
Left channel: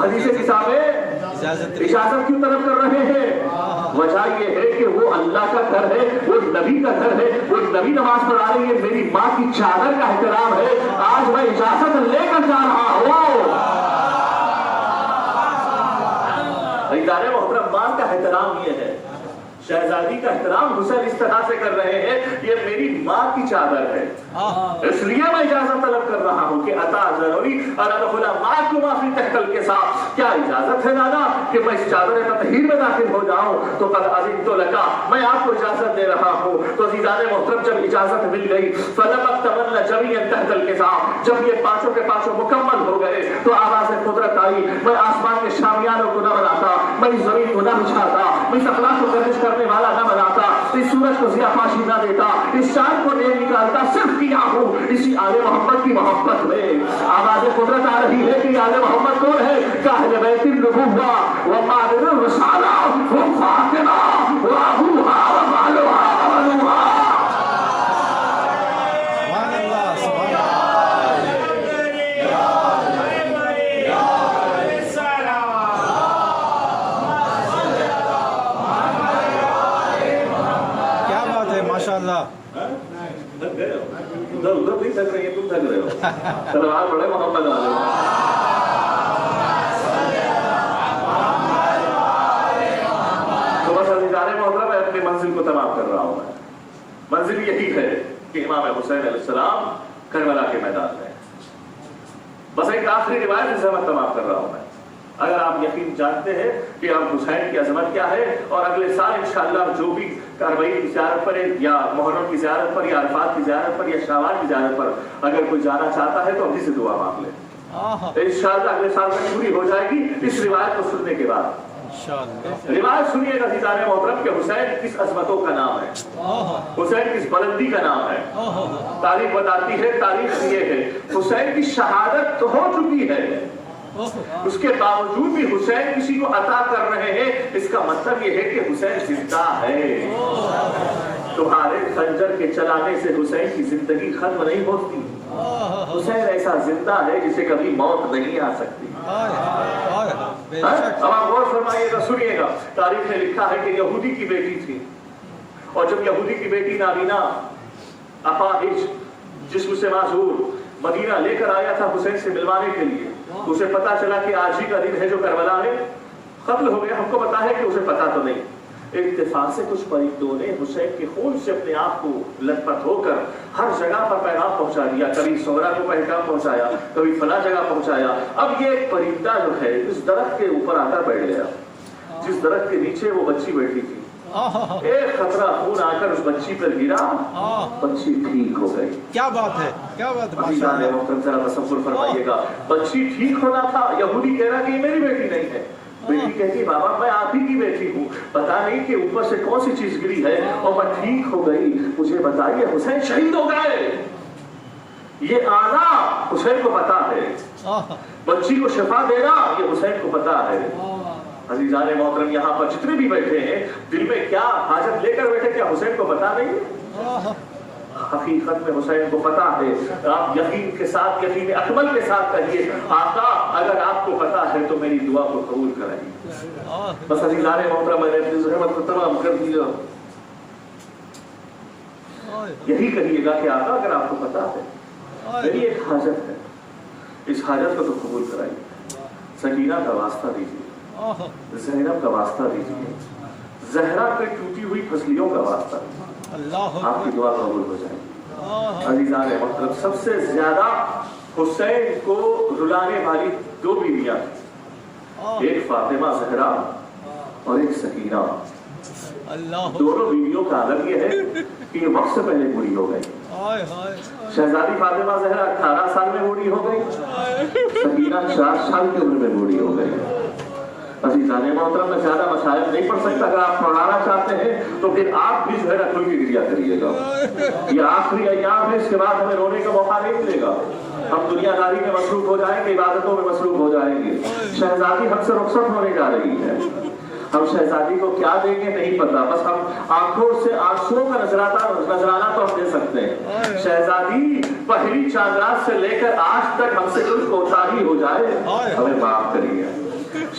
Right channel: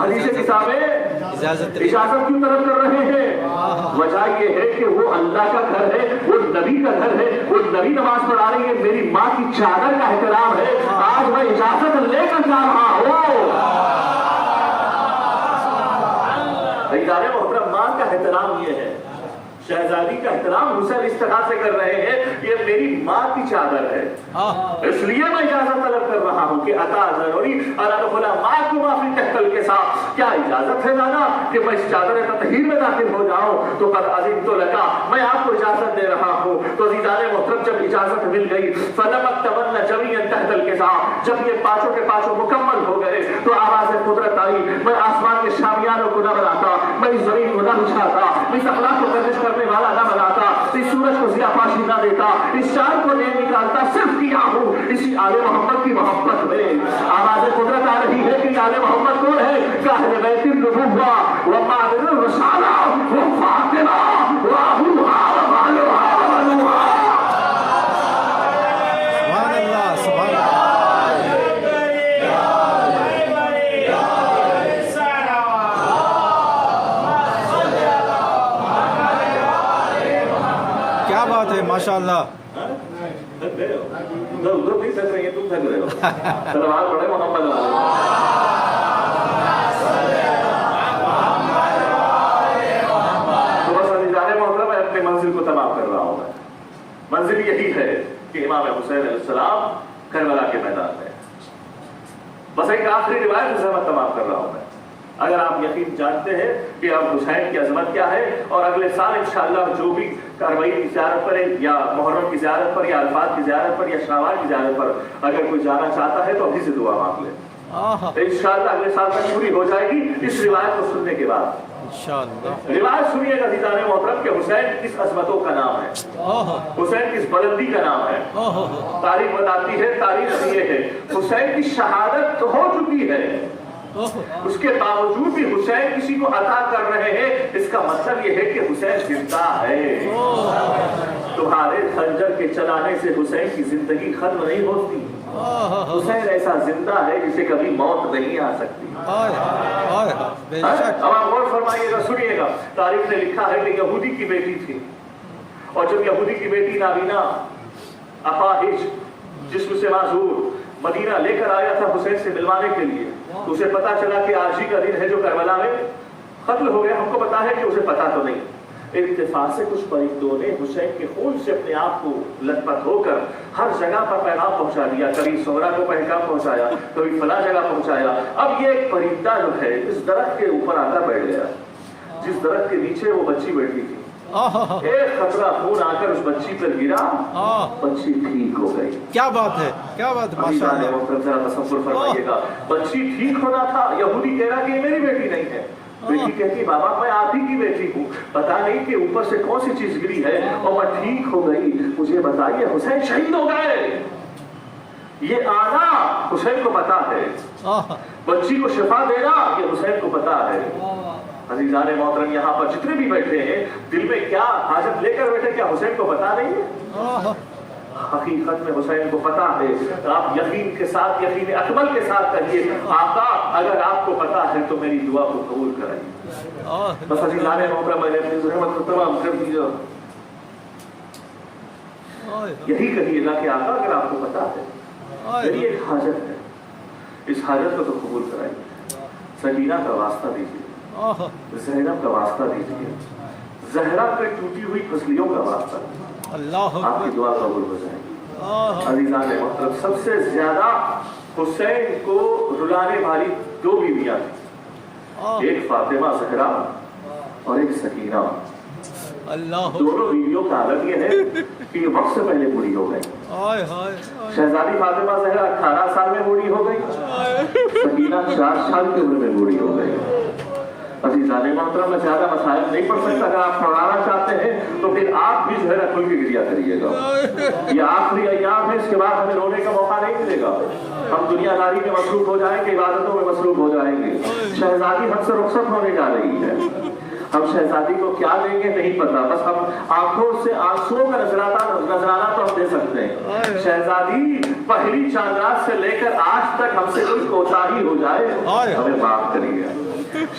حدیث کتاب میں اجازت کیوں طلب کر رہے ہیں؟ وجہ یہ ہے کہ وہ اللہ کا گھر ہے، وہ نبی کا گھر ہے، وہ نبی نماز پڑھا رہی ہے، میری ماں کی چادر کا احترام ہے، آج میں اجازت لے کر جا رہا ہوں۔ ادارے محترم، ماں کا احترام یہ ہے، شہزادی کا احترام حسین اس طرح سے کر رہے ہیں، یہ میری ماں کی چادر ہے، اس لیے میں اجازت طلب کر رہا ہوں کہ عطا ضروری اور ادخلا معکم فی تحت الکساء، کیا اجازت ہے نانا کہ میں اس چادر تطہیر میں داخل ہو جاؤں؟ تو قد اذنت لک، میں آپ کو اجازت دے رہا ہوں۔ تو عزیزان محترم، جب اجازت مل گئی فلم اکتملن جمیعا تحت الکساء، جب یہ پانچوں کے پانچوں مکمل ہو گئے تو آواز قدرت آئی، میں آسمان کے شامیانوں کو نہ بناتا، میں اس زمین کو نہ بچھاتا، اس اخلاق کو گردش کرنے والا نہ بناتا، اس سورج کو ضیاء پاشی نہ دیتا، اس چاند کو نہیں نکالتا، صرف کیا ہوں اسی آل محمد کی محبت میں۔ آواز قدرت آ رہی ہے کہ آل محمد کون ہے؟ کاہل بیت النبوہ ومعدن الرسالہ وفاطمہ وابوہا ومالوہا ومالوہا۔ سبحان اللہ، سبحان اللہ۔ کیا بات ہے، ماشاء اللہ۔ ادھر نہیں تھک رہے ہیں، تم تھک رہے ہو، سلوات پڑھے محمد علیہ۔ تو بس ادارے محترم، میں اپنی منزل کو تمام کر رہا ہوں۔ منزل یہی ہے کہ امام حسین علیہ السلام کربلا کے میدان میں، بس ایک آخری روایت سے میں تمام کر رہا ہوں۔ اگر آپ یقین جانتے ہیں کہ اب حسین کی عظمت کیا ہے، اور اگلے سال انشاءاللہ جو بھی کاروائی کی زیارت پر ہے، یا محرم کی زیارت پر، یا عرفات کی زیارت پر، یا شوال کی زیارت پر اگر کوئی جانا چاہتا ہے تو ابھی سے دعا مانگ لے، انشاءاللہ اگلے سال تک پوری ہو جائے گی اس روایت کو سننے کے بعد۔ روایت سنیے گا عزیزان محترم کہ حسین کس عظمتوں کا نام ہے، حسین کس بلندی کا نام ہے۔ تاریخ بتاتی ہے، تاریخ یہ ہے، حسین کی شہادت تو ہو چکی ہے، اس کے باوجود بھی حسین کسی کو عطا کر رہے ہیں، اس کا مطلب یہ ہے کہ حسین زندہ ہے۔ تمہارے خنجر کے چلانے سے حسین کی زندگی ختم نہیں ہوتی، حسین ایسا زندہ ہے جسے کبھی موت نہیں آ سکتی۔ اب غور فرمائیے گا، سنیے گا، تاریخ نے لکھا ہے کہ یہودی کی بیٹی تھی، اور جب یہودی کی بیٹی نابینا اپاہج جسم سے معذور مدینہ لے کر آیا تھا حسین سے ملوانے کے لیے، تو اسے پتا چلا کہ آج ہی کا دن ہے جو کربلا میں قتل ہو گیا۔ ہم کو پتا ہے کہ اسے پتا تو نہیں، اتفاق سے کچھ پرندوں نے حسین کے خون سے اپنے آپ کو لت پت ہو کر ہر جگہ پر پیغام پہنچا دیا، کبھی سہرا کو پیغام پہنچایا، کبھی فلاں جگہ پہنچایا۔ اب یہ ایک پرندہ جو ہے اس درخت کے اوپر آ کر بیٹھ گیا، جس درخت کے نیچے وہ بچی بیٹھی تھی، ایک قطرہ خون آ کر اس بچی پر گرا، بچی ٹھیک ہو گئی۔ کیا بات ہے، کیا بات ہے، ماشاء اللہ۔ تصور فرمائیے گا، بچی ٹھیک ہونا تھا، یہودی کہہ رہا کہ یہ میری بیٹی نہیں ہے، بیٹی کہتی بابا میں آپ ہی کی بیٹی ہوں، پتا نہیں کہ اوپر سے کون سی چیز گری ہے اور میں ٹھیک ہو گئی، مجھے بتائیے حسین شہید ہو گئے۔ یہ آنا حسین کو پتا ہے، بچی کو شفا دینا یہ حسین کو پتا ہے۔ عزیزان محترم، یہاں پر جتنے بھی بیٹھے ہیں دل میں کیا حاجت لے کر بیٹھے، کیا حسین کو پتا نہیں ہے؟ حقیقت میں حسین کو پتا ہے۔ آپ یقین کے ساتھ، یقین اکمل کے ساتھ کہیے، آقا اگر آپ کو پتا ہے تو میری دعا کو قبول کرائیے۔ بس عزیزان محترم، میں نے اپنی ضرورت کو تمام کر دیا، یہی کہیے گا کہ آقا اگر آپ کو پتا ہے میری ایک حاجت ہے، اس حاجت کو تو قبول کرائیے۔ سکینہ کا واسطہ دیجیے، زینب کا واسطہ دیجیے، زہرا پہ ٹوٹی ہوئی پسلیوں کا واسطہ، آپ کی دعا قبول ہو جائے گی۔ عزیزان محترم، سب سے زیادہ حسین کو رلانے والی دو بیویاں تھیں، ایک فاطمہ زہرا اور ایک سکینہ۔ دونوں بیویوں کا عالم یہ ہے کہ یہ وقت سے پہلے بوڑھی ہو گئی۔ شہزادی فاطمہ زہرا 18 سال میں بوڑھی ہو گئی، سکینہ 4 سال کی عمر میں بوڑھی ہو گئی۔ عزیزان محترم، میں زیادہ مسائل نہیں پڑھ سکتا، اگر آپ پڑھانا چاہتے ہیں تو پھر آپ بھی جو ہے نا کھل کے گریا کریے گا۔ یہ آخری ایام ہے، اس کے بعد ہمیں رونے کا موقع نہیں ملے گا، ہم دنیا داری میں مصروف ہو جائیں گے، عبادتوں میں مصروف ہو جائیں گے۔ شہزادی ہم سے رخصت ہونے جا رہی ہے، ہم شہزادی کو کیا دیں گے نہیں پتا، بس ہم آنکھوں سے آنسوؤں کا نذرانہ تو ہم دے سکتے ہیں۔ شہزادی پہلی چاند رات سے لے کر آج تک ہم سے کوئی کوتاہی ہو جائے ہمیں معاف کریے،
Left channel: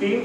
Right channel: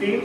3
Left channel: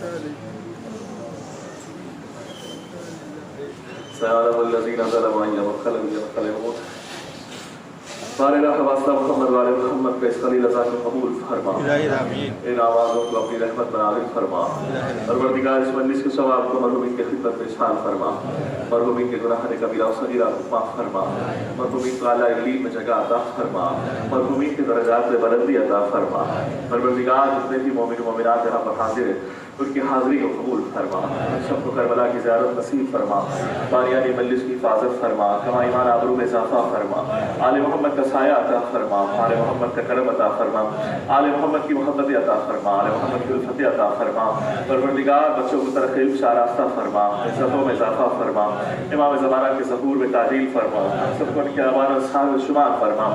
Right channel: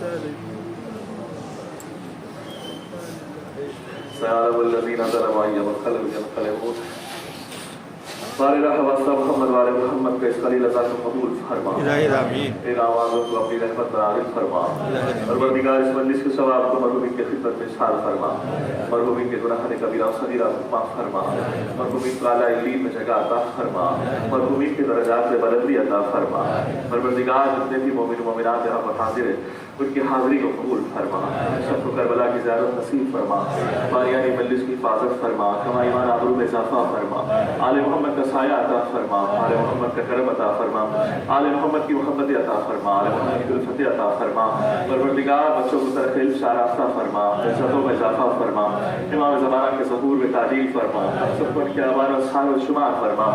سيعلم الذين ظلموا أي منقلب ينقلبون بارے واسطہ محمد والے محمد کا اس خلیل ازا کو قبول فرما الہی آمین ان آوازوں کو اپنی رحمت میں نازل فرما پروردگار اس مجلس کے ثواب کو مرحومین کی خدمت میں شامل فرما مرحومین کے گناہ کبیرہ و صغیرہ کو معاف فرما مرحومین کو اعلیٰ علیم میں جگہ عطا فرما مرحومین کے درجات میں بلندی عطا فرما پروردگار جتنے بھی مومن و مومنات یہاں پر حاضر ہیں ان کی حاضری کو قبول فرما سب کو کربلا کی زیارت نصیب فرما بانیانی مجلس کی حفاظت فرما کما ایمان آبرو میں اضافہ فرما آل محمد کا سایہ عطا فرما آل محمد کا کرم عطا فرما آل محمد کی محبت عطا فرما آل محمد کی الفت عطا فرما پروردگار بچوں کو ترقی شاراستہ فرما عزتوں میں اضافہ فرما امام زمانہ کے ظہور میں تعدیل فرما سب کو ان کی آبار سار و شمار فرما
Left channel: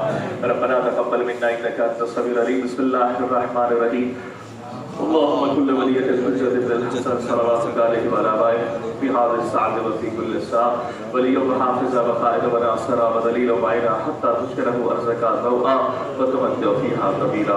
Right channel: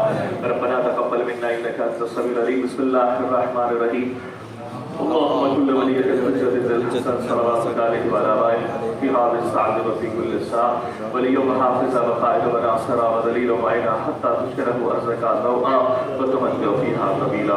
ربنا تقبل منا انك انت السميع العليم بسم الله الرحمن الرحيم اللهم كل وليك الجد الجسد صلواتك عليه وعلى آله في هذه الساعة وفي كل ساعة وليا وحافظا وقائدا وناصرا ودليلا معينا حتى تشكره أرزقا ضوءا وتمتع فيها طويلا